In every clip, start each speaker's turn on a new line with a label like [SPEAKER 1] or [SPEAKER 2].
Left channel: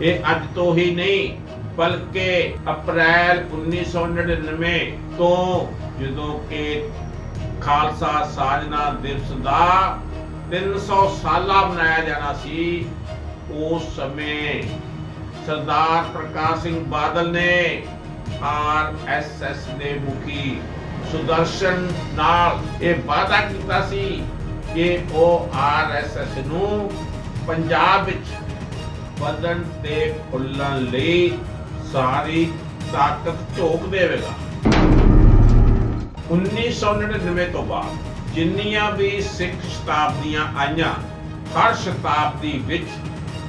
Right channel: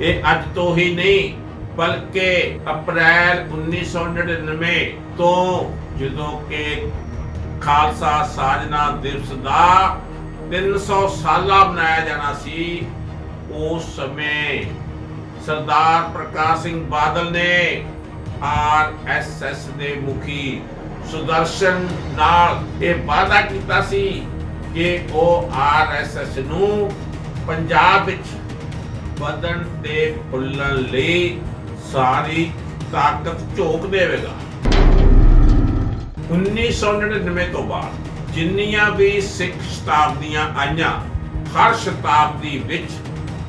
[SPEAKER 1] ਇਹ ਅੱਜ ਤੋਂ ਹੀ ਨਹੀਂ, ਬਲਕਿ ਅਪ੍ਰੈਲ 1999 ਤੋਂ ਜਦੋਂ ਕਿ ਖਾਲਸਾ ਸਾਜਨਾ ਦਿਵਸ ਦਾ 300 ਸਾਲਾ ਮਨਾਇਆ ਜਾਣਾ ਸੀ, ਉਸ ਸਮੇਂ ਸਰਦਾਰ ਪ੍ਰਕਾਸ਼ ਸਿੰਘ ਬਾਦਲ ਨੇ ਆਰਐਸਐਸ ਦੇ ਮੁਖੀ ਸੁਦਰਸ਼ਨ ਨਾਲ ਇਹ ਵਾਅਦਾ ਕੀਤਾ ਸੀ ਕਿ ਉਹ ਆਰਐਸਐਸ ਨੂੰ ਪੰਜਾਬ ਵਿੱਚ ਵਧਣ ਤੇ ਫੁੱਲਣ ਲਈ ਸਾਰੀ ਤਾਕਤ ਝੋਕ ਦੇਵੇਗਾ। 1999 ਤੋਂ ਬਾਅਦ ਜਿੰਨੀਆਂ ਵੀ ਸਿੱਖ ਸ਼ਤਾਬਦੀਆਂ ਆਈਆਂ, ਹਰ ਸ਼ਤਾਬਦੀ ਵਿੱਚ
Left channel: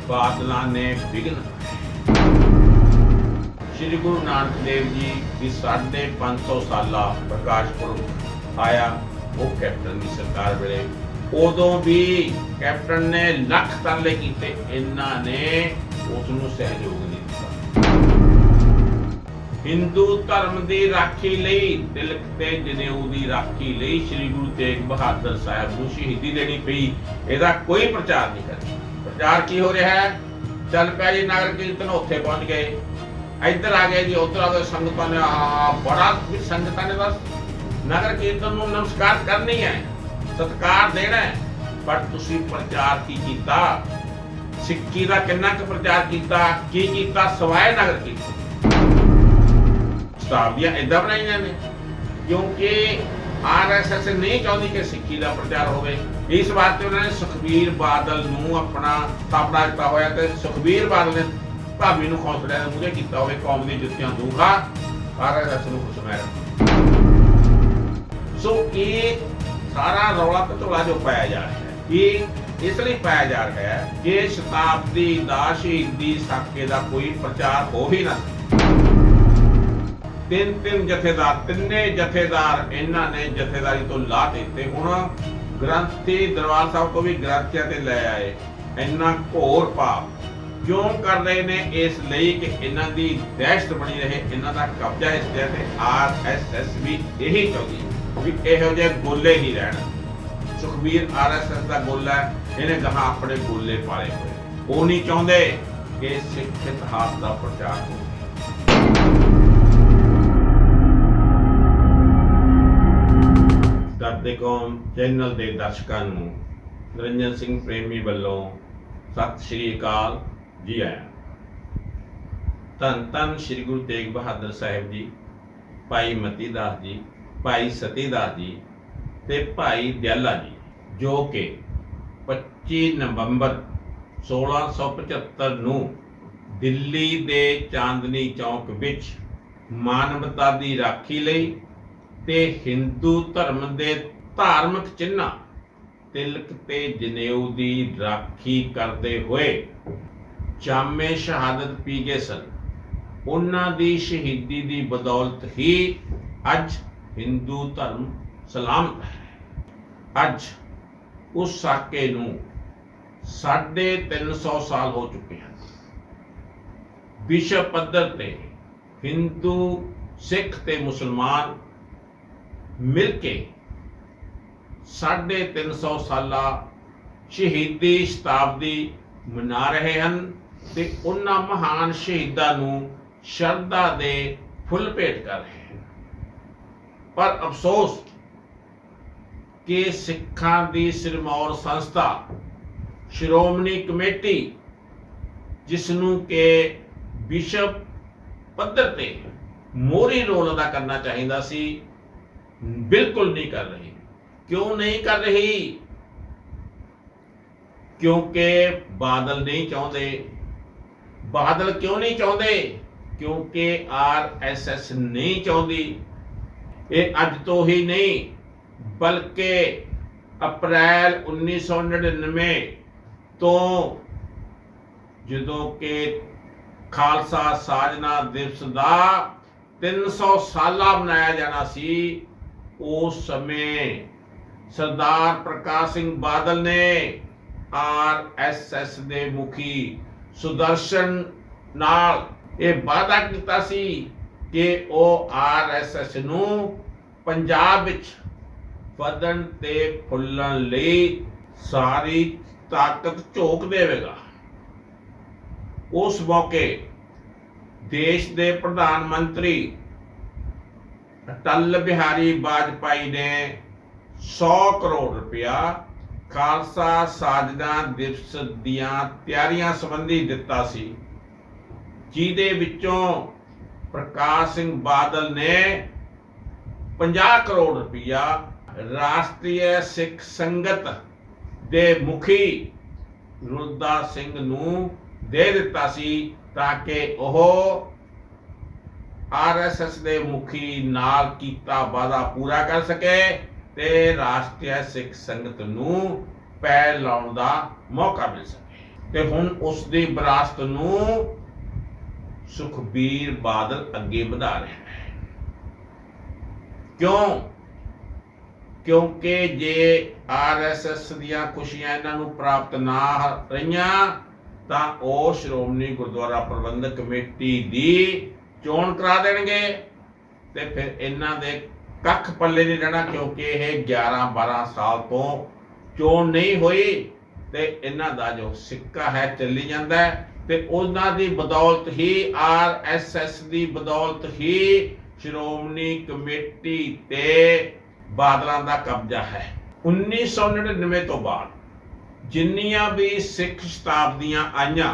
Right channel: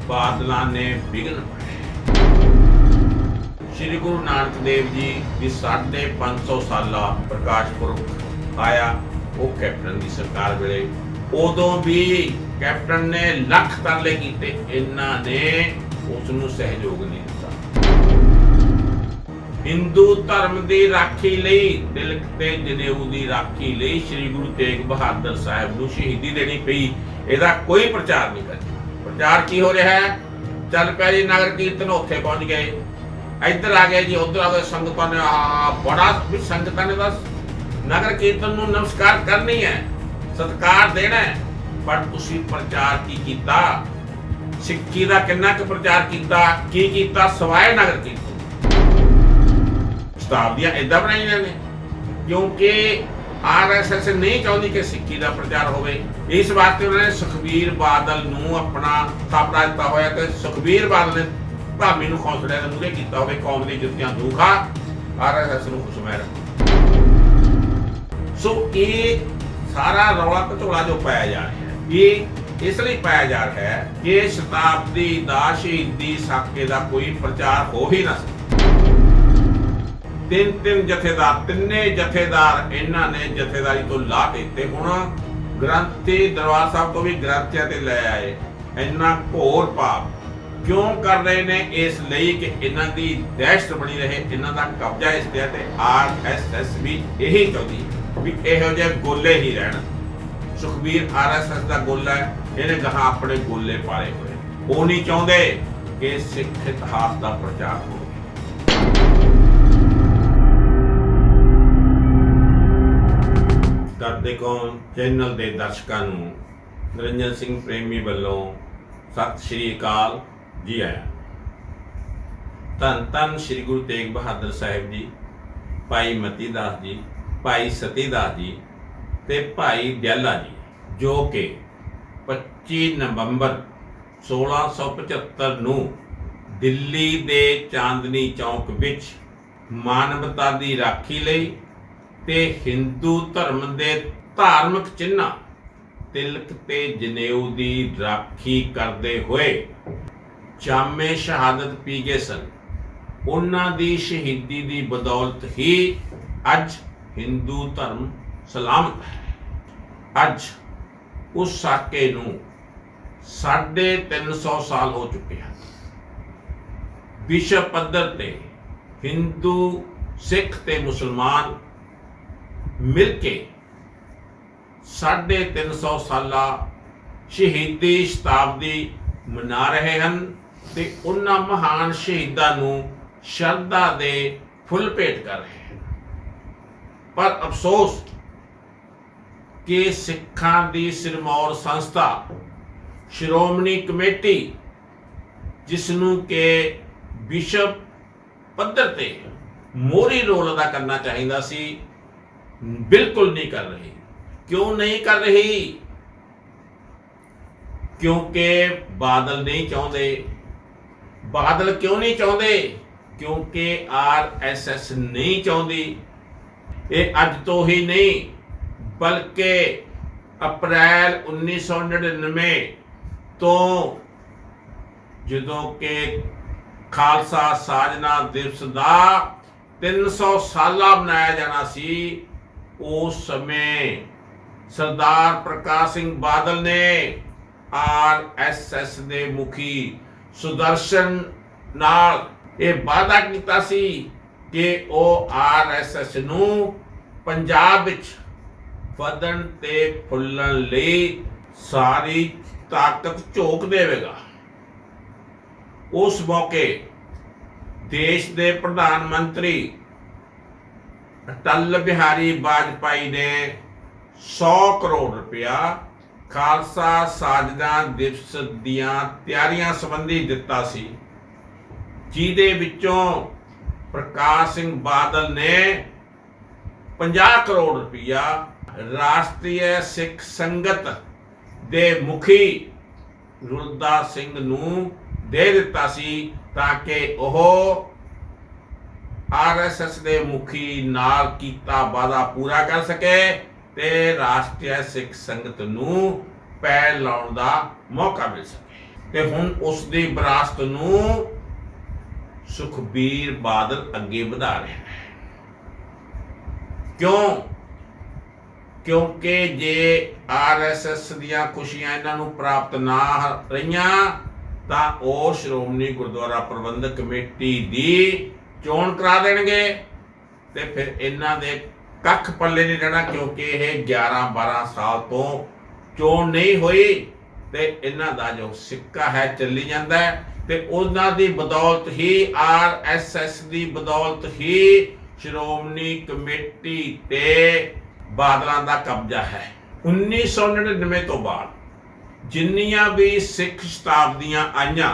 [SPEAKER 1] ਬਾਦਲਾਂ ਨੇ ਵਿਘਨ ਸ੍ਰੀ ਗੁਰੂ ਨਾਨਕ ਦੇਵ ਜੀ ਦੀ ਸਾਢੇ 500 ਸਾਲਾ ਪ੍ਰਕਾਸ਼ ਪੁਰਬ ਆਇਆ, ਉਹ ਕੈਪਟਨ ਦੀ ਸਰਕਾਰ ਵੇਲੇ ਉਦੋਂ ਵੀ ਕੈਪਟਨ ਨੇ ਲੱਖ ਤਰਲੇ ਕੀਤੇ। ਇਹਨਾਂ ਨੇ ਉਸ ਨੂੰ ਸਹਿਯੋਗ ਨਹੀਂ ਦਿੱਤਾ। ਹਿੰਦੂ ਧਰਮ ਦੀ ਰਾਖੀ ਲਈ, ਤਿਲਕ ਤੇ ਜਨੇਊ ਦੀ ਰਾਖੀ ਲਈ ਸ੍ਰੀ ਗੁਰੂ ਤੇਗ ਬਹਾਦਰ ਸਾਹਿਬ ਨੂੰ ਸ਼ਹੀਦੀ ਦੇਣੀ ਪਈ। ਇਹਦਾ ਕੋਈ ਪ੍ਰਚਾਰ ਨਹੀਂ ਕਰਿਆ। ਪ੍ਰਚਾਰ ਕੀ ਹੋ ਰਿਹਾ ਹੈ? ਚੱਲ ਪਿਆ ਜੀ, ਨਗਰ ਕੀਰਤਨ ਉੱਥੇ ਪਹੁੰਚ ਗਏ। ਇੱਧਰ ਆ ਗਏ ਜੀ, ਉੱਧਰ ਆ ਗਏ ਸੰਗਤਾਂ ਨੇ। ਆ ਬੜਾ ਵੀ ਸੰਗਤਾਂ ਨੇ ਬਸ। ਨਗਰ ਕੀਰਤਨ ਨੂੰ ਨਮਸਕਾਰ ਕਰਨੀ ਹੈ। ਸਤਿਕਾਰ ਦੇਣਾ ਹੈ। ਪਰ ਤੁਸੀਂ ਪ੍ਰਚਾਰ ਕੀ ਕੀਤਾ? ਸਿੱਖੀ ਦਾ ਕਿੰਨਾ ਕੁ ਪ੍ਰਚਾਰ ਕੀਤਾ? ਕੀ ਕੀਤਾ? ਸਵਾਏ ਨਗਰ ਕੀਰਤਨ। ਸ਼ਤਾਬਦੀਆਂ ਇਦਾਂ ਬਣਾਈਆਂ ਨੇ। ਕਿਉਂਕਿ ਆਰਐਸਐਸ ਨਹੀਂ ਚਾਹੁੰਦੀ ਕਿ ਸਿੱਖੀ ਦਾ ਪ੍ਰਚਾਰ ਹੋਵੇ। ਇਸ ਵਾਸਤੇ ਉਹਨਾਂ ਨੇ ਸੁਖਬੀਰ ਬਾਦਲ ਨੂੰ ਆਪਣਾ ਥਾਪੜਾ ਦਿੱਤਾ ਹੋਇਆ ਤੇ ਸੁਖਬੀਰ ਬਾਦਲ ਨੇ ਭਾਮੀ ਨੂੰ ਖੌਸਲਿਆਂ ਦੇ ਮੂਹਰੇ ਕੀਤਾ ਹੋਵੇ, ਕੌਮ ਦੀ ਜੁੱਤੀਆਂ ਦੂਖਾ ਆਰਐਸਐਸ ਨੂੰ ਖੁਸ਼ਮੈਰ ਸੋ ਇਹ ਸਾਰਾ ਰੌਲਾ ਪਤੋਲਾ ਜੋ ਪਾਇਆ ਜਾ ਰਿਹਾ ਹੈ। ਇਹ ਇਸ ਲਈ ਪਾਇਆ ਜਾ ਰਿਹਾ ਹੈ ਕਿ ਸ਼ਤਾਬਦੀ ਦਾ ਸ਼ਹੀਦੀ ਸਾਕੇ ਦਾ ਕੋਈ ਪ੍ਰਚਾਰ ਹੋ ਹੀ ਨਾ ਤਿੰਨ ਤਿੰਨ ਜਥੇਦਾਰ, ਤਿੰਨੇ ਜਥੇਦਾਰ ਇਹਨਾਂ ਨੇ ਜਥੇਦਾਰੀ ਤੋਂ ਲਾ ਦਿੱਤੇ। ਹੁਣ ਗ੍ਰੰਥੀ ਦਰਬਾਰ ਸਾਹਿਬ ਤੋਂ ਵੀ ਗ੍ਰੰਥੀਆਂ ਤੇ ਲੈ ਆਏ। ਇੰਨਾ ਘੋਰ ਪਾਪ ਕਿਉਂ ਕਰ ਰਹੇ ਨੇ? ਇਸ ਲਈ ਕਿ ਇਹਨਾਂ ਦੀ ਦਹਿਸ਼ਤ ਬਣੀ ਰਹੇ। ਇਹਨਾਂ ਦਾ ਕਬਜ਼ਾ ਇਸ ਤੇ ਆਰ ਐਸ ਐਸ ਵੀ ਇਹੀ ਚਾਹੁੰਦੀ ਹੈ। ਵੀ ਇਹੋ ਜਿਹੇ ਗੋਲੇ ਹੀ ਰਹਿਣ। ਸੁਖਬੀਰ ਆਰਐਸਐਸ ਦਾ ਗੋਲਾ ਹੈ, ਇਹਨੇ ਗਾਹਾਂ ਆਪਣੇ ਗੋਲੇ ਪਾਲੇ ਹੋਏ। ਉਹ ਨਹੀਂ ਚਾਹੁੰਦੇ ਕਿ ਸਿੱਖ ਇਤਿਹਾਸ ਦਾ ਪ੍ਰਚਾਰ ਹੋਵੇ। ਦਰਦੇ ਕੌਮ ਚੈਨਲ ਦੇ ਦਰਸ਼ਕਾਂ ਨੂੰ ਨਿਰੰਜਨ ਸਿੰਘ ਪ੍ਰੇਮੀ ਵੱਲੋਂ ਸਤਿ ਸ਼੍ਰੀ ਅਕਾਲ ਜੀ ਆਇਆਂ ਧੰਨ ਧੰਨ ਸ਼੍ਰੀ ਗੁਰੂ ਤੇਗ ਬਹਾਦਰ ਸਾਹਿਬ ਜੀ, ਭਾਈ ਮਤੀ ਦਾਸ ਜੀ ਭਾਈ ਸਤੀ ਦਾਸ ਜੀ ਤੇ ਭਾਈ ਦਿਆਲਾ ਜੀ, ਜੋ ਕਿ 25 ਨਵੰਬਰ 1675 ਨੂੰ ਦਿੱਲੀ ਦੇ ਚਾਂਦਨੀ ਚੌਕ ਵਿੱਚ ਮਾਨਵਤਾ ਦੀ ਰਾਖੀ ਲਈ ਤੇ ਹਿੰਦੂ ਧਰਮ ਦੇ ਧਾਰਮਿਕ ਚਿੰਨ੍ਹਾਂ ਤਿਲਕ ਤੇ ਜਨੇਊ ਦੀ ਰਾਖੀ ਕਰਦੇ ਹੋਏ ਜਾਮੇ ਸ਼ਹਾਦਤ ਪੀ ਗਏ ਸਨ। ਉਹਨਾਂ ਦੀ ਸ਼ਹੀਦੀ ਦੀ ਬਦੌਲਤ ਹੀ ਅੱਜ ਹਿੰਦੂ ਧਰਮ ਸਲਾਮਤ ਹੈ। ਅੱਜ ਉਸ ਸਾਕੇ ਨੂੰ ਸਾਢੇ 300 ਸਾਲ ਹੋ ਚੁੱਕੇ ਹਨ। ਵਿਸ਼ਵ ਪੱਧਰ ਤੇ ਹਿੰਦੂ, ਸਿੱਖ ਤੇ ਮੁਸਲਮਾਨ ਮਿਲ ਕੇ ਸਾਢੇ 300 ਸਾਲਾ ਸ਼ਹੀਦੀ ਸ਼ਤਾਬਦੀ ਮਨਾ ਰਹੇ ਹਨ ਤੇ ਉਹਨਾਂ ਮਹਾਨ ਸ਼ਹੀਦਾਂ ਨੂੰ ਸ਼ਰਧਾ ਦੇ ਫੁੱਲ ਭੇਟ ਕਰ ਰਹੇ ਹਨ। ਪਰ ਅਫਸੋਸ ਕਿ ਸਿੱਖਾਂ ਦੀ ਸਿਰਮੌਰ ਸੰਸਥਾ, ਸ਼੍ਰੋਮਣੀ ਕਮੇਟੀ ਜਿਸ ਨੂੰ ਕਿ ਵਿਸ਼ਵ ਪੱਧਰ ਤੇ ਮੋਰੀ ਰੋਲ ਅਦਾ ਕਰਨਾ ਚਾਹੀਦਾ ਸੀ, ਬਿਲਕੁਲ ਨਹੀਂ ਕਰ ਰਹੀ। ਕਿਉਂ ਨਹੀਂ ਕਰ ਰਹੀ? ਕਿਉਂਕਿ ਬਾਦਲ ਨਹੀਂ ਚਾਹੁੰਦੇ। ਬਾਦਲ ਕਿਉਂ ਨਹੀਂ ਚਾਹੁੰਦੇ? ਕਿਉਂਕਿ ਆਰਐਸਐਸ ਨਹੀਂ ਚਾਹੁੰਦੀ। ਇਹ ਅੱਜ ਤੋਂ ਹੀ ਨਹੀਂ, ਬਲਕਿ ਅਪ੍ਰੈਲ 1999 ਤੋਂ ਜਦੋਂ ਕਿ ਖਾਲਸਾ ਸਾਜਨਾ ਦਿਵਸ ਦਾ 300 ਸਾਲਾ ਮਨਾਇਆ ਜਾਣਾ ਸੀ, ਉਸ ਸਮੇਂ ਸਰਦਾਰ ਪ੍ਰਕਾਸ਼ ਸਿੰਘ ਬਾਦਲ ਨੇ ਆਰ ਐਸ ਐਸ ਦੇ ਮੁਖੀ ਸੁਦਰਸ਼ਨ ਨਾਲ ਇਹ ਵਾਅਦਾ ਕੀਤਾ ਸੀ ਕਿ ਉਹ ਆਰਐਸਐਸ ਨੂੰ ਪੰਜਾਬ ਵਿੱਚ ਵਧਣ ਤੇ ਫੁੱਲਣ ਲਈ ਸਾਰੀ ਤਾਕਤ ਝੋਕ ਦੇਵੇਗਾ। ਉਸ ਮੌਕੇ ਦੇਸ਼ ਦੇ ਪ੍ਰਧਾਨ ਮੰਤਰੀ ਅਟਲ ਬਿਹਾਰੀ ਵਾਜਪਾਈ ਨੇ 100 ਕਰੋੜ ਰੁਪਇਆ ਖਾਲਸਾ ਸਾਜਨਾ ਦਿਵਸ ਦੀਆਂ ਤਿਆਰੀਆਂ ਸੰਬੰਧੀ ਦਿੱਤਾ ਸੀ, ਜਿਹਦੇ ਵਿੱਚੋਂ ਪ੍ਰਕਾਸ਼ ਸਿੰਘ ਬਾਦਲ ਨੇ 50 ਕਰੋੜ ਰੁਪਇਆ ਰਾਸ਼ਟਰੀ ਸਿੱਖ ਸੰਗਤ ਦੇ ਮੁਖੀ ਗੁਰਦਾਸ ਸਿੰਘ ਨੂੰ ਦੇ ਦਿੱਤਾ ਸੀ ਤਾਂ ਕਿ ਉਹ ਆਰਐਸਐਸ ਦੇ ਮੁਖੀ ਨਾਲ ਕੀਤਾ ਵਾਅਦਾ ਪੂਰਾ ਕਰ ਸਕੇ ਤੇ ਰਾਸ਼ਟਰੀ ਸਿੱਖ ਸੰਗਤ ਨੂੰ ਪੈਰ ਲਾਉਣ ਦਾ ਮੌਕਾ ਮਿਲ ਸਕੇ। ਤੇ ਹੁਣ ਉਸ ਦੀ ਵਿਰਾਸਤ ਨੂੰ ਸੁਖਬੀਰ ਬਾਦਲ ਅੱਗੇ ਵਧਾ ਰਿਹਾ ਹੈ ਕਿਉਂ? ਕਿਉਂਕਿ ਜੇ ਆਰਐਸਐਸ ਦੀਆਂ ਖੁਸ਼ੀਆਂ ਇਹਨਾਂ ਨੂੰ ਪ੍ਰਾਪਤ ਨਾ ਰਹੀਆਂ, ਤਾਂ ਉਹ ਸ਼੍ਰੋਮਣੀ ਗੁਰਦੁਆਰਾ ਪ੍ਰਬੰਧਕ ਕਮੇਟੀ ਦੀ ਚੋਣ ਕਰਾ ਦੇਣਗੇ ਤੇ ਫਿਰ ਇਹਨਾਂ ਦੇ ਕੱਖ ਪੱਲੇ ਨਹੀਂ ਰਹਿਣਾ, ਕਿਉਂਕਿ ਇਹ 11 12 ਸਾਲ ਤੋਂ ਚੋਣ ਨਹੀਂ ਹੋਈ ਤੇ ਇਹਨਾਂ ਦਾ ਜੋ ਸਿੱਕਾ ਹੈ, ਚੱਲੀ ਜਾਂਦਾ ਹੈ। ਤੇ ਉਹਨਾਂ ਦੀ ਬਦੌਲਤ ਹੀ ਆਰਐਸਐਸ ਦੀ ਬਦੌਲਤ ਹੀ ਸ਼੍ਰੋਮਣੀ ਕਮੇਟੀ ਤੇ ਬਾਦਲਾਂ ਦਾ ਕਬਜ਼ਾ ਹੈ। 1999 ਤੋਂ ਬਾਅਦ ਜਿੰਨੀਆਂ ਵੀ ਸਿੱਖ ਸ਼ਤਾਬਦੀਆਂ ਆਈਆਂ,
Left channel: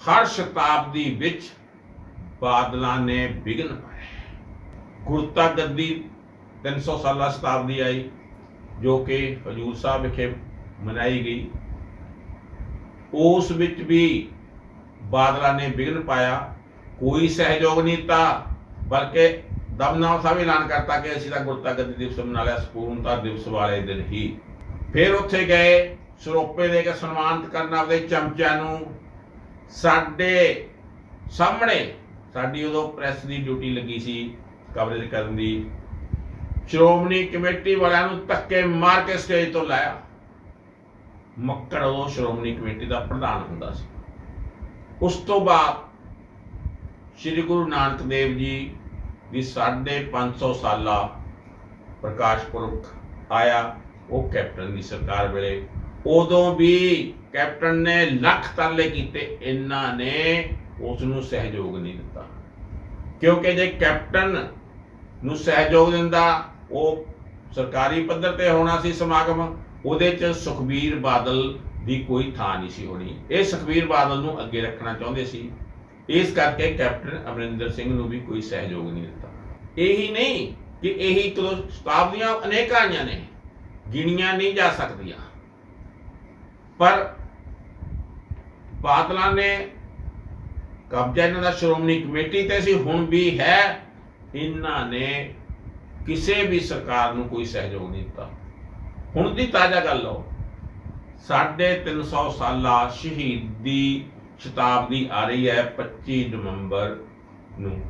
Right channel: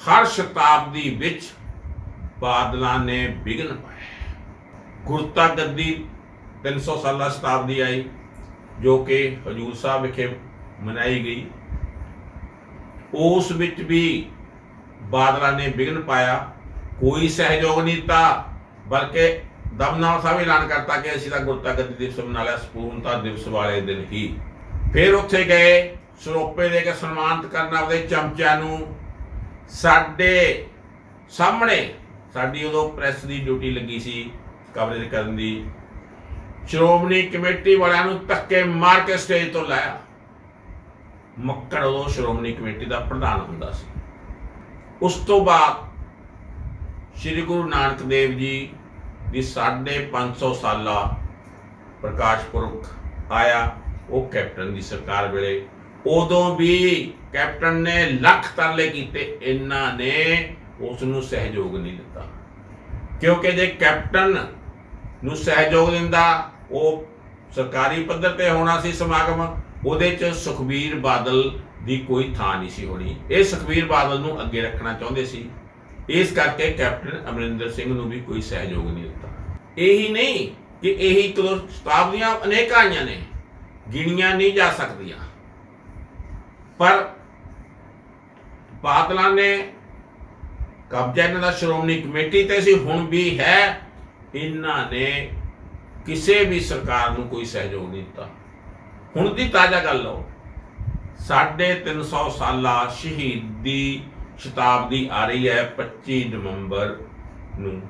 [SPEAKER 1] ਹਰ ਸ਼ਤਾਬਦੀ ਵਿੱਚ ਬਾਦਲਾਂ ਨੇ ਵਿਘਨ ਪਾਇਆ। ਗੁਰਤਾ ਗੱਦੀ 300 ਸਾਲਾ ਸ਼ਤਾਬਦੀ ਆਈ, ਜੋ ਕਿ ਹਜੂਰ ਸਾਹਿਬ ਵਿਖੇ ਮਨਾਈ ਗਈ। ਉਸ ਵਿੱਚ ਵੀ ਬਾਦਲਾਂ ਨੇ ਵਿਘਨ ਪਾਇਆ। ਕੋਈ ਸਹਿਯੋਗ ਨਹੀਂ ਦਿੱਤਾ, ਬਲਕਿ ਦਮਨਾਮ ਸਾਹਿਬ ਐਲਾਨ ਕਰਤਾ ਕਿ ਅਸੀਂ ਤਾਂ ਗੁਰਤਾ ਗੱਦੀ ਦਿਵਸ ਮਨਾ ਲਿਆ ਸਪੂਰਨਤਾ ਦਿਵਸ ਵਾਲੇ ਦਿਨ ਹੀ। ਫਿਰ ਉੱਥੇ ਗਏ, ਸਰੋਪੇ ਦੇ ਕੇ ਸਨਮਾਨਿਤ ਕਰਨ ਆਪਦੇ ਚਮਚਿਆਂ ਨੂੰ। ਸਾਡੇ ਸਾਹਮਣੇ, ਸਾਡੀ ਉਦੋਂ ਪ੍ਰੈਸ ਦੀ ਡਿਊਟੀ ਲੱਗੀ ਸੀ ਕਵਰੇਜ ਕਰਨ ਦੀ। ਸ਼੍ਰੋਮਣੀ ਕਮੇਟੀ ਵਾਲਿਆਂ ਨੂੰ ਧੱਕੇ ਮਾਰ ਕੇ ਸਟੇਜ ਤੋਂ ਲਾਇਆ। ਮੱਕੜ ਉਦੋਂ ਸ਼੍ਰੋਮਣੀ ਕਮੇਟੀ ਦਾ ਪ੍ਰਧਾਨ ਹੁੰਦਾ ਸੀ। ਉਸ ਤੋਂ ਬਾਅਦ ਸ੍ਰੀ ਗੁਰੂ ਨਾਨਕ ਦੇਵ ਜੀ ਦੀ 550 ਸਾਲਾ ਪ੍ਰਕਾਸ਼ ਪੁਰਖ ਆਇਆ, ਉਹ ਕੈਪਟਨ ਦੀ ਸਰਕਾਰ ਵੇਲੇ। ਉਦੋਂ ਵੀ ਕੈਪਟਨ ਨੇ ਲੱਖ ਤਰਲੇ ਕੀਤੇ, ਇਹਨਾਂ ਨੇ ਉਸ ਨੂੰ ਸਹਿਯੋਗ ਨਹੀਂ ਦਿੱਤਾ। ਕਿਉਂਕਿ ਜੇ ਕੈਪਟਨ ਨੂੰ ਸਹਿਯੋਗ ਦਿੰਦਾ, ਉਹ ਸਰਕਾਰੀ ਪੱਧਰ ਤੇ ਹੋਣਾ ਸੀ ਸਮਾਗਮ ਉਹਦੇ ਚ ਸੁਖਬੀਰ ਬਾਦਲ ਦੀ ਕੋਈ ਥਾਂ ਨਹੀਂ ਸੀ ਹੋਣੀ। ਇਹ ਸੁਖਬੀਰ ਬਾਦਲ ਨੂੰ ਅੱਗੇ ਰੱਖਣਾ ਚਾਹੁੰਦੇ ਸੀ। ਇਸ ਕਰਕੇ ਕੈਪਟਨ ਅਮਰਿੰਦਰ ਸਿੰਘ ਨੂੰ ਵੀ ਕੋਈ ਸਹਿਯੋਗ ਨਹੀਂ ਦਿੱਤਾ। ਇਹੀ ਨਹੀਂ ਕਿ ਇਹੀ ਇੱਕ ਦੋ ਸ਼ਤਾਬਦੀਆਂ ਅਨੇਕਾਂ ਆਈਆਂ ਨੇ, ਗਿਣੀਆਂ ਨਹੀਂ ਜਾ ਸਕਦੀਆਂ। ਪਰ ਬਾਦਲਾਂ ਨੇ ਕਬਜ਼ਾ ਇਹਨਾਂ ਦਾ ਸ਼੍ਰੋਮਣੀ ਕਮੇਟੀ ਤੇ ਸੀ, ਹੁਣ ਵੀ ਹੈ। ਇਹਨਾਂ ਨੇ ਕਿਸੇ ਵੀ ਸਰਕਾਰ ਨੂੰ ਕੋਈ ਸਹਿਯੋਗ ਨਹੀਂ ਦਿੱਤਾ। ਹੁਣ ਦੀ ਤਾਜ਼ਾ ਗੱਲ ਲਓ। ਸਾਢੇ 300 ਸਾਲਾ ਸ਼ਹੀਦੀ ਸ਼ਤਾਬਦੀ ਆ ਰਹੀ ਹੈ 25 ਨਵੰਬਰ ਨੂੰ।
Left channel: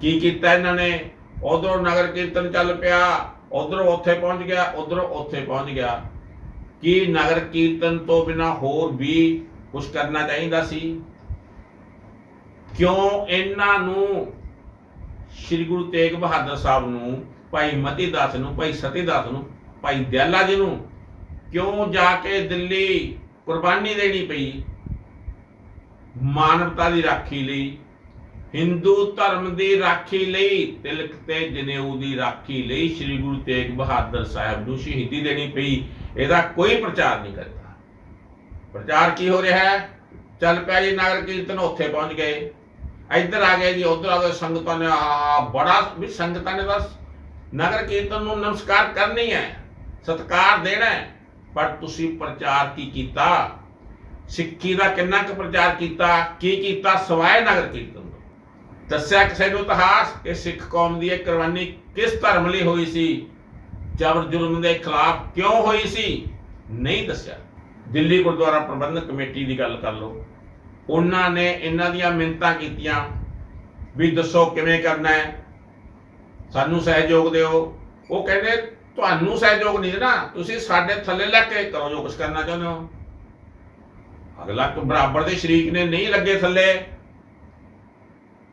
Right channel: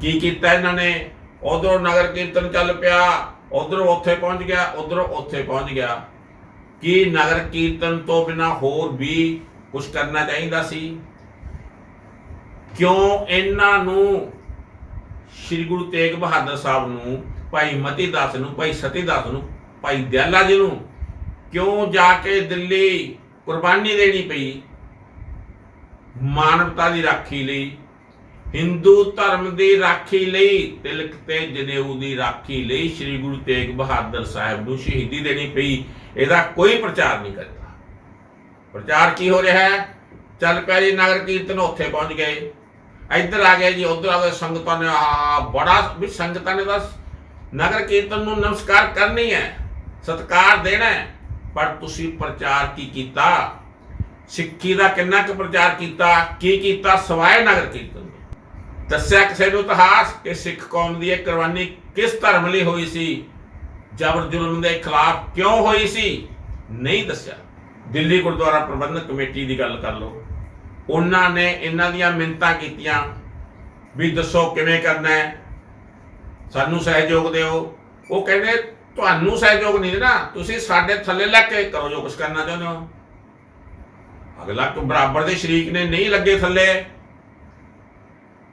[SPEAKER 1] ਕੀ ਕੀਤਾ ਇਹਨਾਂ ਨੇ? ਉਧਰੋਂ ਨਗਰ ਕੀਰਤਨ ਚੱਲ ਪਿਆ, ਉਧਰੋਂ ਉੱਥੇ ਪਹੁੰਚ ਗਿਆ, ਉਧਰੋਂ ਉੱਥੇ ਪਹੁੰਚ ਗਿਆ। ਕੀ ਨਗਰ ਕੀਰਤਨ ਤੋਂ ਬਿਨਾ ਹੋਰ ਵੀ ਕੁਝ ਕਰਨਾ ਚਾਹੀਦਾ ਸੀ? ਕਿਉਂ ਇਹਨਾਂ ਨੂੰ ਸ੍ਰੀ ਗੁਰੂ ਤੇਗ ਬਹਾਦਰ ਸਾਹਿਬ ਨੂੰ, ਭਾਈ ਮਤੀ ਦਾਸ ਨੂੰ, ਭਾਈ ਸਤੀ ਦਾਸ ਨੂੰ ਭਾਈ ਦਿਆਲਾ ਜੀ ਨੂੰ ਕਿਉਂ ਜਾ ਕੇ ਦਿੱਲੀ ਕੁਰਬਾਨੀ ਦੇਣੀ ਪਈ? ਮਾਨਵਤਾ ਦੀ ਰਾਖੀ ਲਈ, ਹਿੰਦੂ ਧਰਮ ਦੀ ਰਾਖੀ ਲਈ, ਤਿਲਕ ਤੇ ਜਨੇਊ ਦੀ ਰਾਖੀ ਲਈ ਸ੍ਰੀ ਗੁਰੂ ਤੇਗ ਬਹਾਦਰ ਸਾਹਿਬ ਨੂੰ ਸ਼ਹੀਦੀ ਦੇਣੀ ਪਈ। ਇਹਦਾ ਕੋਈ ਪ੍ਰਚਾਰ ਨਹੀਂ ਕਰਦਾ। ਪ੍ਰਚਾਰ ਕੀ ਹੋ ਰਿਹਾ ਹੈ? ਚੱਲ ਪਿਆ ਜੀ ਨਗਰ ਕੀਰਤਨ, ਉੱਥੇ ਪਹੁੰਚ ਗਏ। ਇੱਧਰ ਆ ਗਏ ਜੀ, ਉੱਧਰ ਆ ਗਏ ਸੰਗਤਾਂ ਨੇ ਆ ਬੜਾ ਵੀ ਸੰਗਤਾਂ ਨੇ ਬਸ ਨਗਰ ਕੀਰਤਨ ਨੂੰ ਨਮਸਕਾਰ ਕਰਨੀ ਹੈ। ਸਤਕਾਰ ਦੇਣਾ ਪਰ ਤੁਸੀਂ ਪ੍ਰਚਾਰ ਕੀ ਕੀਤਾ? ਸਿੱਖੀ ਦਾ ਕਿੰਨਾ ਕੁ ਪ੍ਰਚਾਰ ਕੀਤਾ? ਕੀ ਕੀਤਾ? ਸਵਾਏ ਨਗਰ ਕੀਰਤਨ ਤੋਂ ਦੱਸਿਆ ਕਿਸੇ ਨੂੰ ਇਤਿਹਾਸ ਕਿ ਸਿੱਖ ਕੌਮ ਦੀ ਇਹ ਕੁਰਬਾਨੀ ਕਿਸ ਧਰਮ ਲਈ ਹੋਈ ਸੀ? ਜਬਰ ਜ਼ੁਲਮ ਦੇ ਖਿਲਾਫ ਕਿਉਂ ਹੋਈ ਸੀ? ਨਹੀਂ ਦੱਸਿਆ। ਦਿੱਲੀ ਗੁਰਦੁਆਰਾ ਪ੍ਰਬੰਧਕ ਕਮੇਟੀ ਦੀ ਗੱਲ ਕਰ ਲਓ। ਉਹਨਾਂ ਨੇ ਇਹਨਾਂ ਦੀਆਂ ਮਿੰਤਾਂ ਕੀਤੀਆਂ ਵੀ ਦੱਸੋ ਕਿਵੇਂ ਕਰਨਾ ਹੈ। ਸਾਨੂੰ ਸਹਿਯੋਗ ਦਿਓ। ਉਹ ਕਹਿੰਦੇ ਤੁਹਾਨੂੰ ਸਹਿਯੋਗ ਨਹੀਂ ਦੇਣਾ, ਤੁਸੀਂ ਸਾਡੇ ਥੱਲੇ ਲੱਗ ਕੇ ਕਰੋ ਜੋ ਕੁਝ ਕਰਨਾ ਚਾਹੁੰਦੇ ਹੋ। ਅਗਲਾ ਕੋ ਬਰਾਬਰ ਦੇ ਸ਼ਰੀਕ ਨੇ ਨਹੀਂ ਲੱਗੇ ਥੱਲੇ।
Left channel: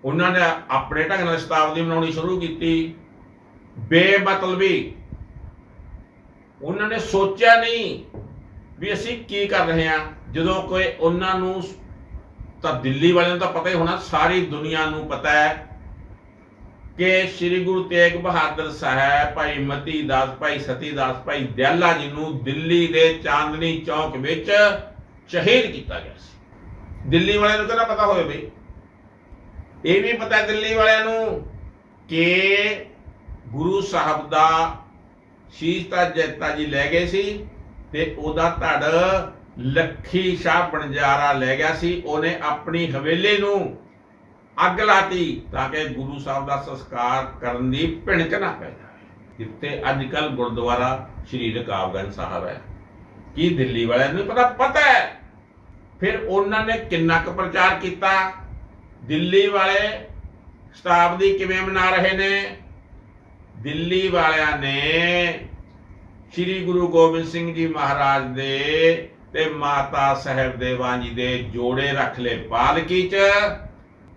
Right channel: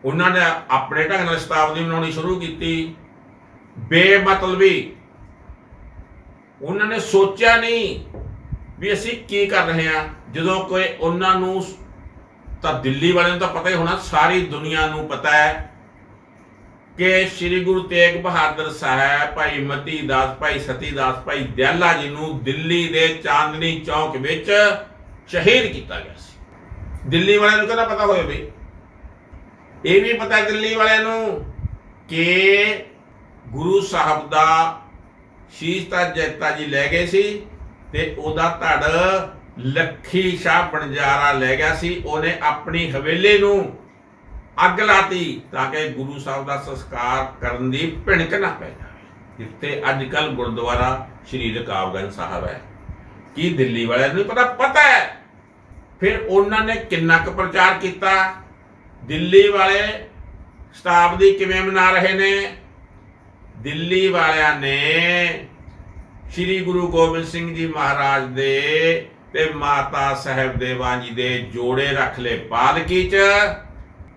[SPEAKER 1] ਉਹਨਾਂ ਨੇ ਆਪਣੇ ਢੰਗ ਨਾਲ ਸ਼ਤਾਬਦੀ ਬਣਾਉਣੀ ਸ਼ੁਰੂ ਕੀਤੀ। ਬੇਮਤਲਬੀ। ਉਹਨਾਂ ਨੇ ਸੋਚਿਆ ਨਹੀਂ ਵੀ ਅਸੀਂ ਕੀ ਕਰ ਰਹੇ ਹਾਂ। ਜਦੋਂ ਕੋਈ ਉਹਨਾਂ ਨੂੰ ਤਾਂ ਦਿੱਲੀ ਵਾਲਿਆਂ ਨੂੰ ਤਾਂ ਪਤਾ ਹੀ ਹੋਣਾ, ਸਾਰੀ ਦੁਨੀਆ ਨੂੰ ਪਤਾ ਹੈ ਕਿ ਸ੍ਰੀ ਗੁਰੂ ਤੇਗ ਬਹਾਦਰ ਸਾਹਿਬ ਭਾਈ ਮਤੀ ਦਾਸ ਭਾਈ ਸਤੀ ਦਾਸ ਭਾਈ ਦਿਆਲਾ ਜੀ ਨੂੰ ਦਿੱਲੀ ਦੇ ਚਾਂਦਨੀ ਚੌਕ ਵਿੱਚ ਸ਼ਹੀਦ ਕੀਤਾ ਗਿਆ ਸੀ। ਦਿੱਲੀ ਵਾਲਿਆਂ ਨੂੰ ਕਿਹੜਾ ਪਤਾ ਹੋਵੇ ਬਈ? ਇਹ ਵੀ ਪਤਾ ਦਿੱਲੀ ਵਾਲਿਆਂ ਨੂੰ ਕਿ ਗੁਰੂ ਸਾਹਿਬ ਦਾ ਸ਼ੀਸ਼ ਤਾਂ ਜੈਤਾ ਜੀ ਲੈ ਗਏ ਸੀ ਤੇ ਉਹਦਾ ਧੜ ਲੱਖੀ ਸ਼ਾਹ ਬਣਜਾਰਾ ਲੈ ਗਿਆ ਸੀ। ਉਹਨੇ ਆਪਣੀ ਹਵੇਲੀ ਨੂੰ ਅੱਗ ਲਾਤੀ ਤਾਂ ਕਿ ਗੁਰੂ ਸਾਹਿਬ ਦਾ ਸੰਸਕਾਰ ਕਰਨ ਦੀ ਭਿਣਕ ਨਾ ਪੈ ਜਾਵੇ। ਜਿੱਥੇ ਅੱਜ ਕੱਲ ਗੁਰਦੁਆਰਾ ਸ਼੍ਰੀ ਰਕਾਬਗੰਜ ਸਾਹਿਬ ਹੈ। ਕੀ ਦਿੱਲੀ ਵਾਲਿਆਂ ਨੂੰ ਪਤਾ? ਪਤਾ ਹੈ। ਫਿਰ ਉਹਨਾਂ ਨੇ ਕਿੰਨਾ ਕੁ ਪ੍ਰਚਾਰ ਕੀਤਾ? ਦਿੱਲੀ ਵਾਲੇ ਸ਼ਤਾਬਦੀ ਕਿਵੇਂ ਮਨਾ ਰਹੇ ਨੇ? ਦਿੱਲੀ ਵਾਲਿਆਂ ਨੇ ਸ੍ਰੀ ਗੁਰੂ ਗੋਬਿੰਦ ਸਿੰਘ ਜੀ ਮਹਾਰਾਜ ਦੇ ਤੇ ਮਾਤਾ ਸਾਹਿਬ ਦੇਵਾਂ ਜੀ ਦੇ ਜੋੜੇ ਰੱਖ ਲਏ। ਪਾਲਕੀ ਚ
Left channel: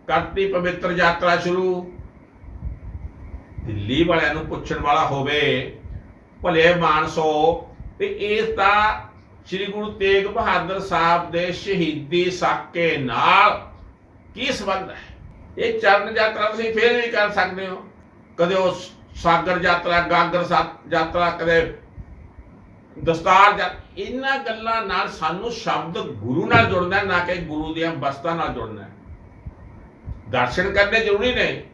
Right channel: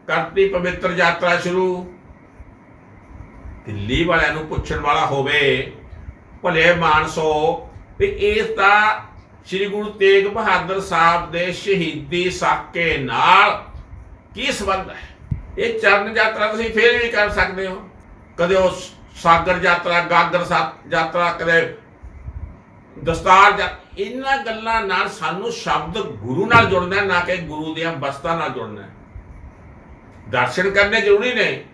[SPEAKER 1] ਕਰਤੀ ਪਵਿੱਤਰ ਯਾਤਰਾ ਸ਼ੁਰੂ। ਦਿੱਲੀ ਵਾਲਿਆਂ ਨੂੰ ਪੁੱਛਣ ਵਾਲਾ ਹੋਵੇ, ਭਲੇ ਮਾਨਸੋ ਤੇ ਇਸ ਦਾ ਸ੍ਰੀ ਗੁਰੂ ਤੇਗ ਬਹਾਦਰ ਸਾਹਿਬ ਦੇ ਸ਼ਹੀਦੀ ਸਾਕੇ ਨਾਲ ਕੀ ਸੰਬੰਧ ਹੈ? ਇਹ ਚਰਨ ਯਾਤਰਾ ਤੁਸੀਂ ਫੇਰ ਵੀ ਕਰ ਸਕਦੇ ਹੋ। ਕਦੇ ਉਹ ਸਾਗਰ ਯਾਤਰਾ, ਗਾਗਰ ਸਾ- ਯਾਤਰਾ, ਕਦੇ ਦਸਤਾਰ ਜਾਂ ਇਹਨਾਂ ਗੱਲਾਂ ਨਾਲ ਸਾਨੂੰ ਸ਼ਬਦ ਗੁਰੂ ਨਾਲ ਜੁੜਨਾ ਨਾ ਕਿ ਗੁਰੂ ਦੀਆਂ ਬਸਤਾਂ ਨਾਲ ਜੁੜਨਾ ਦਰਸ਼ਨ ਕਰਨੇ ਜ਼ਰੂਰੀ ਨੇ।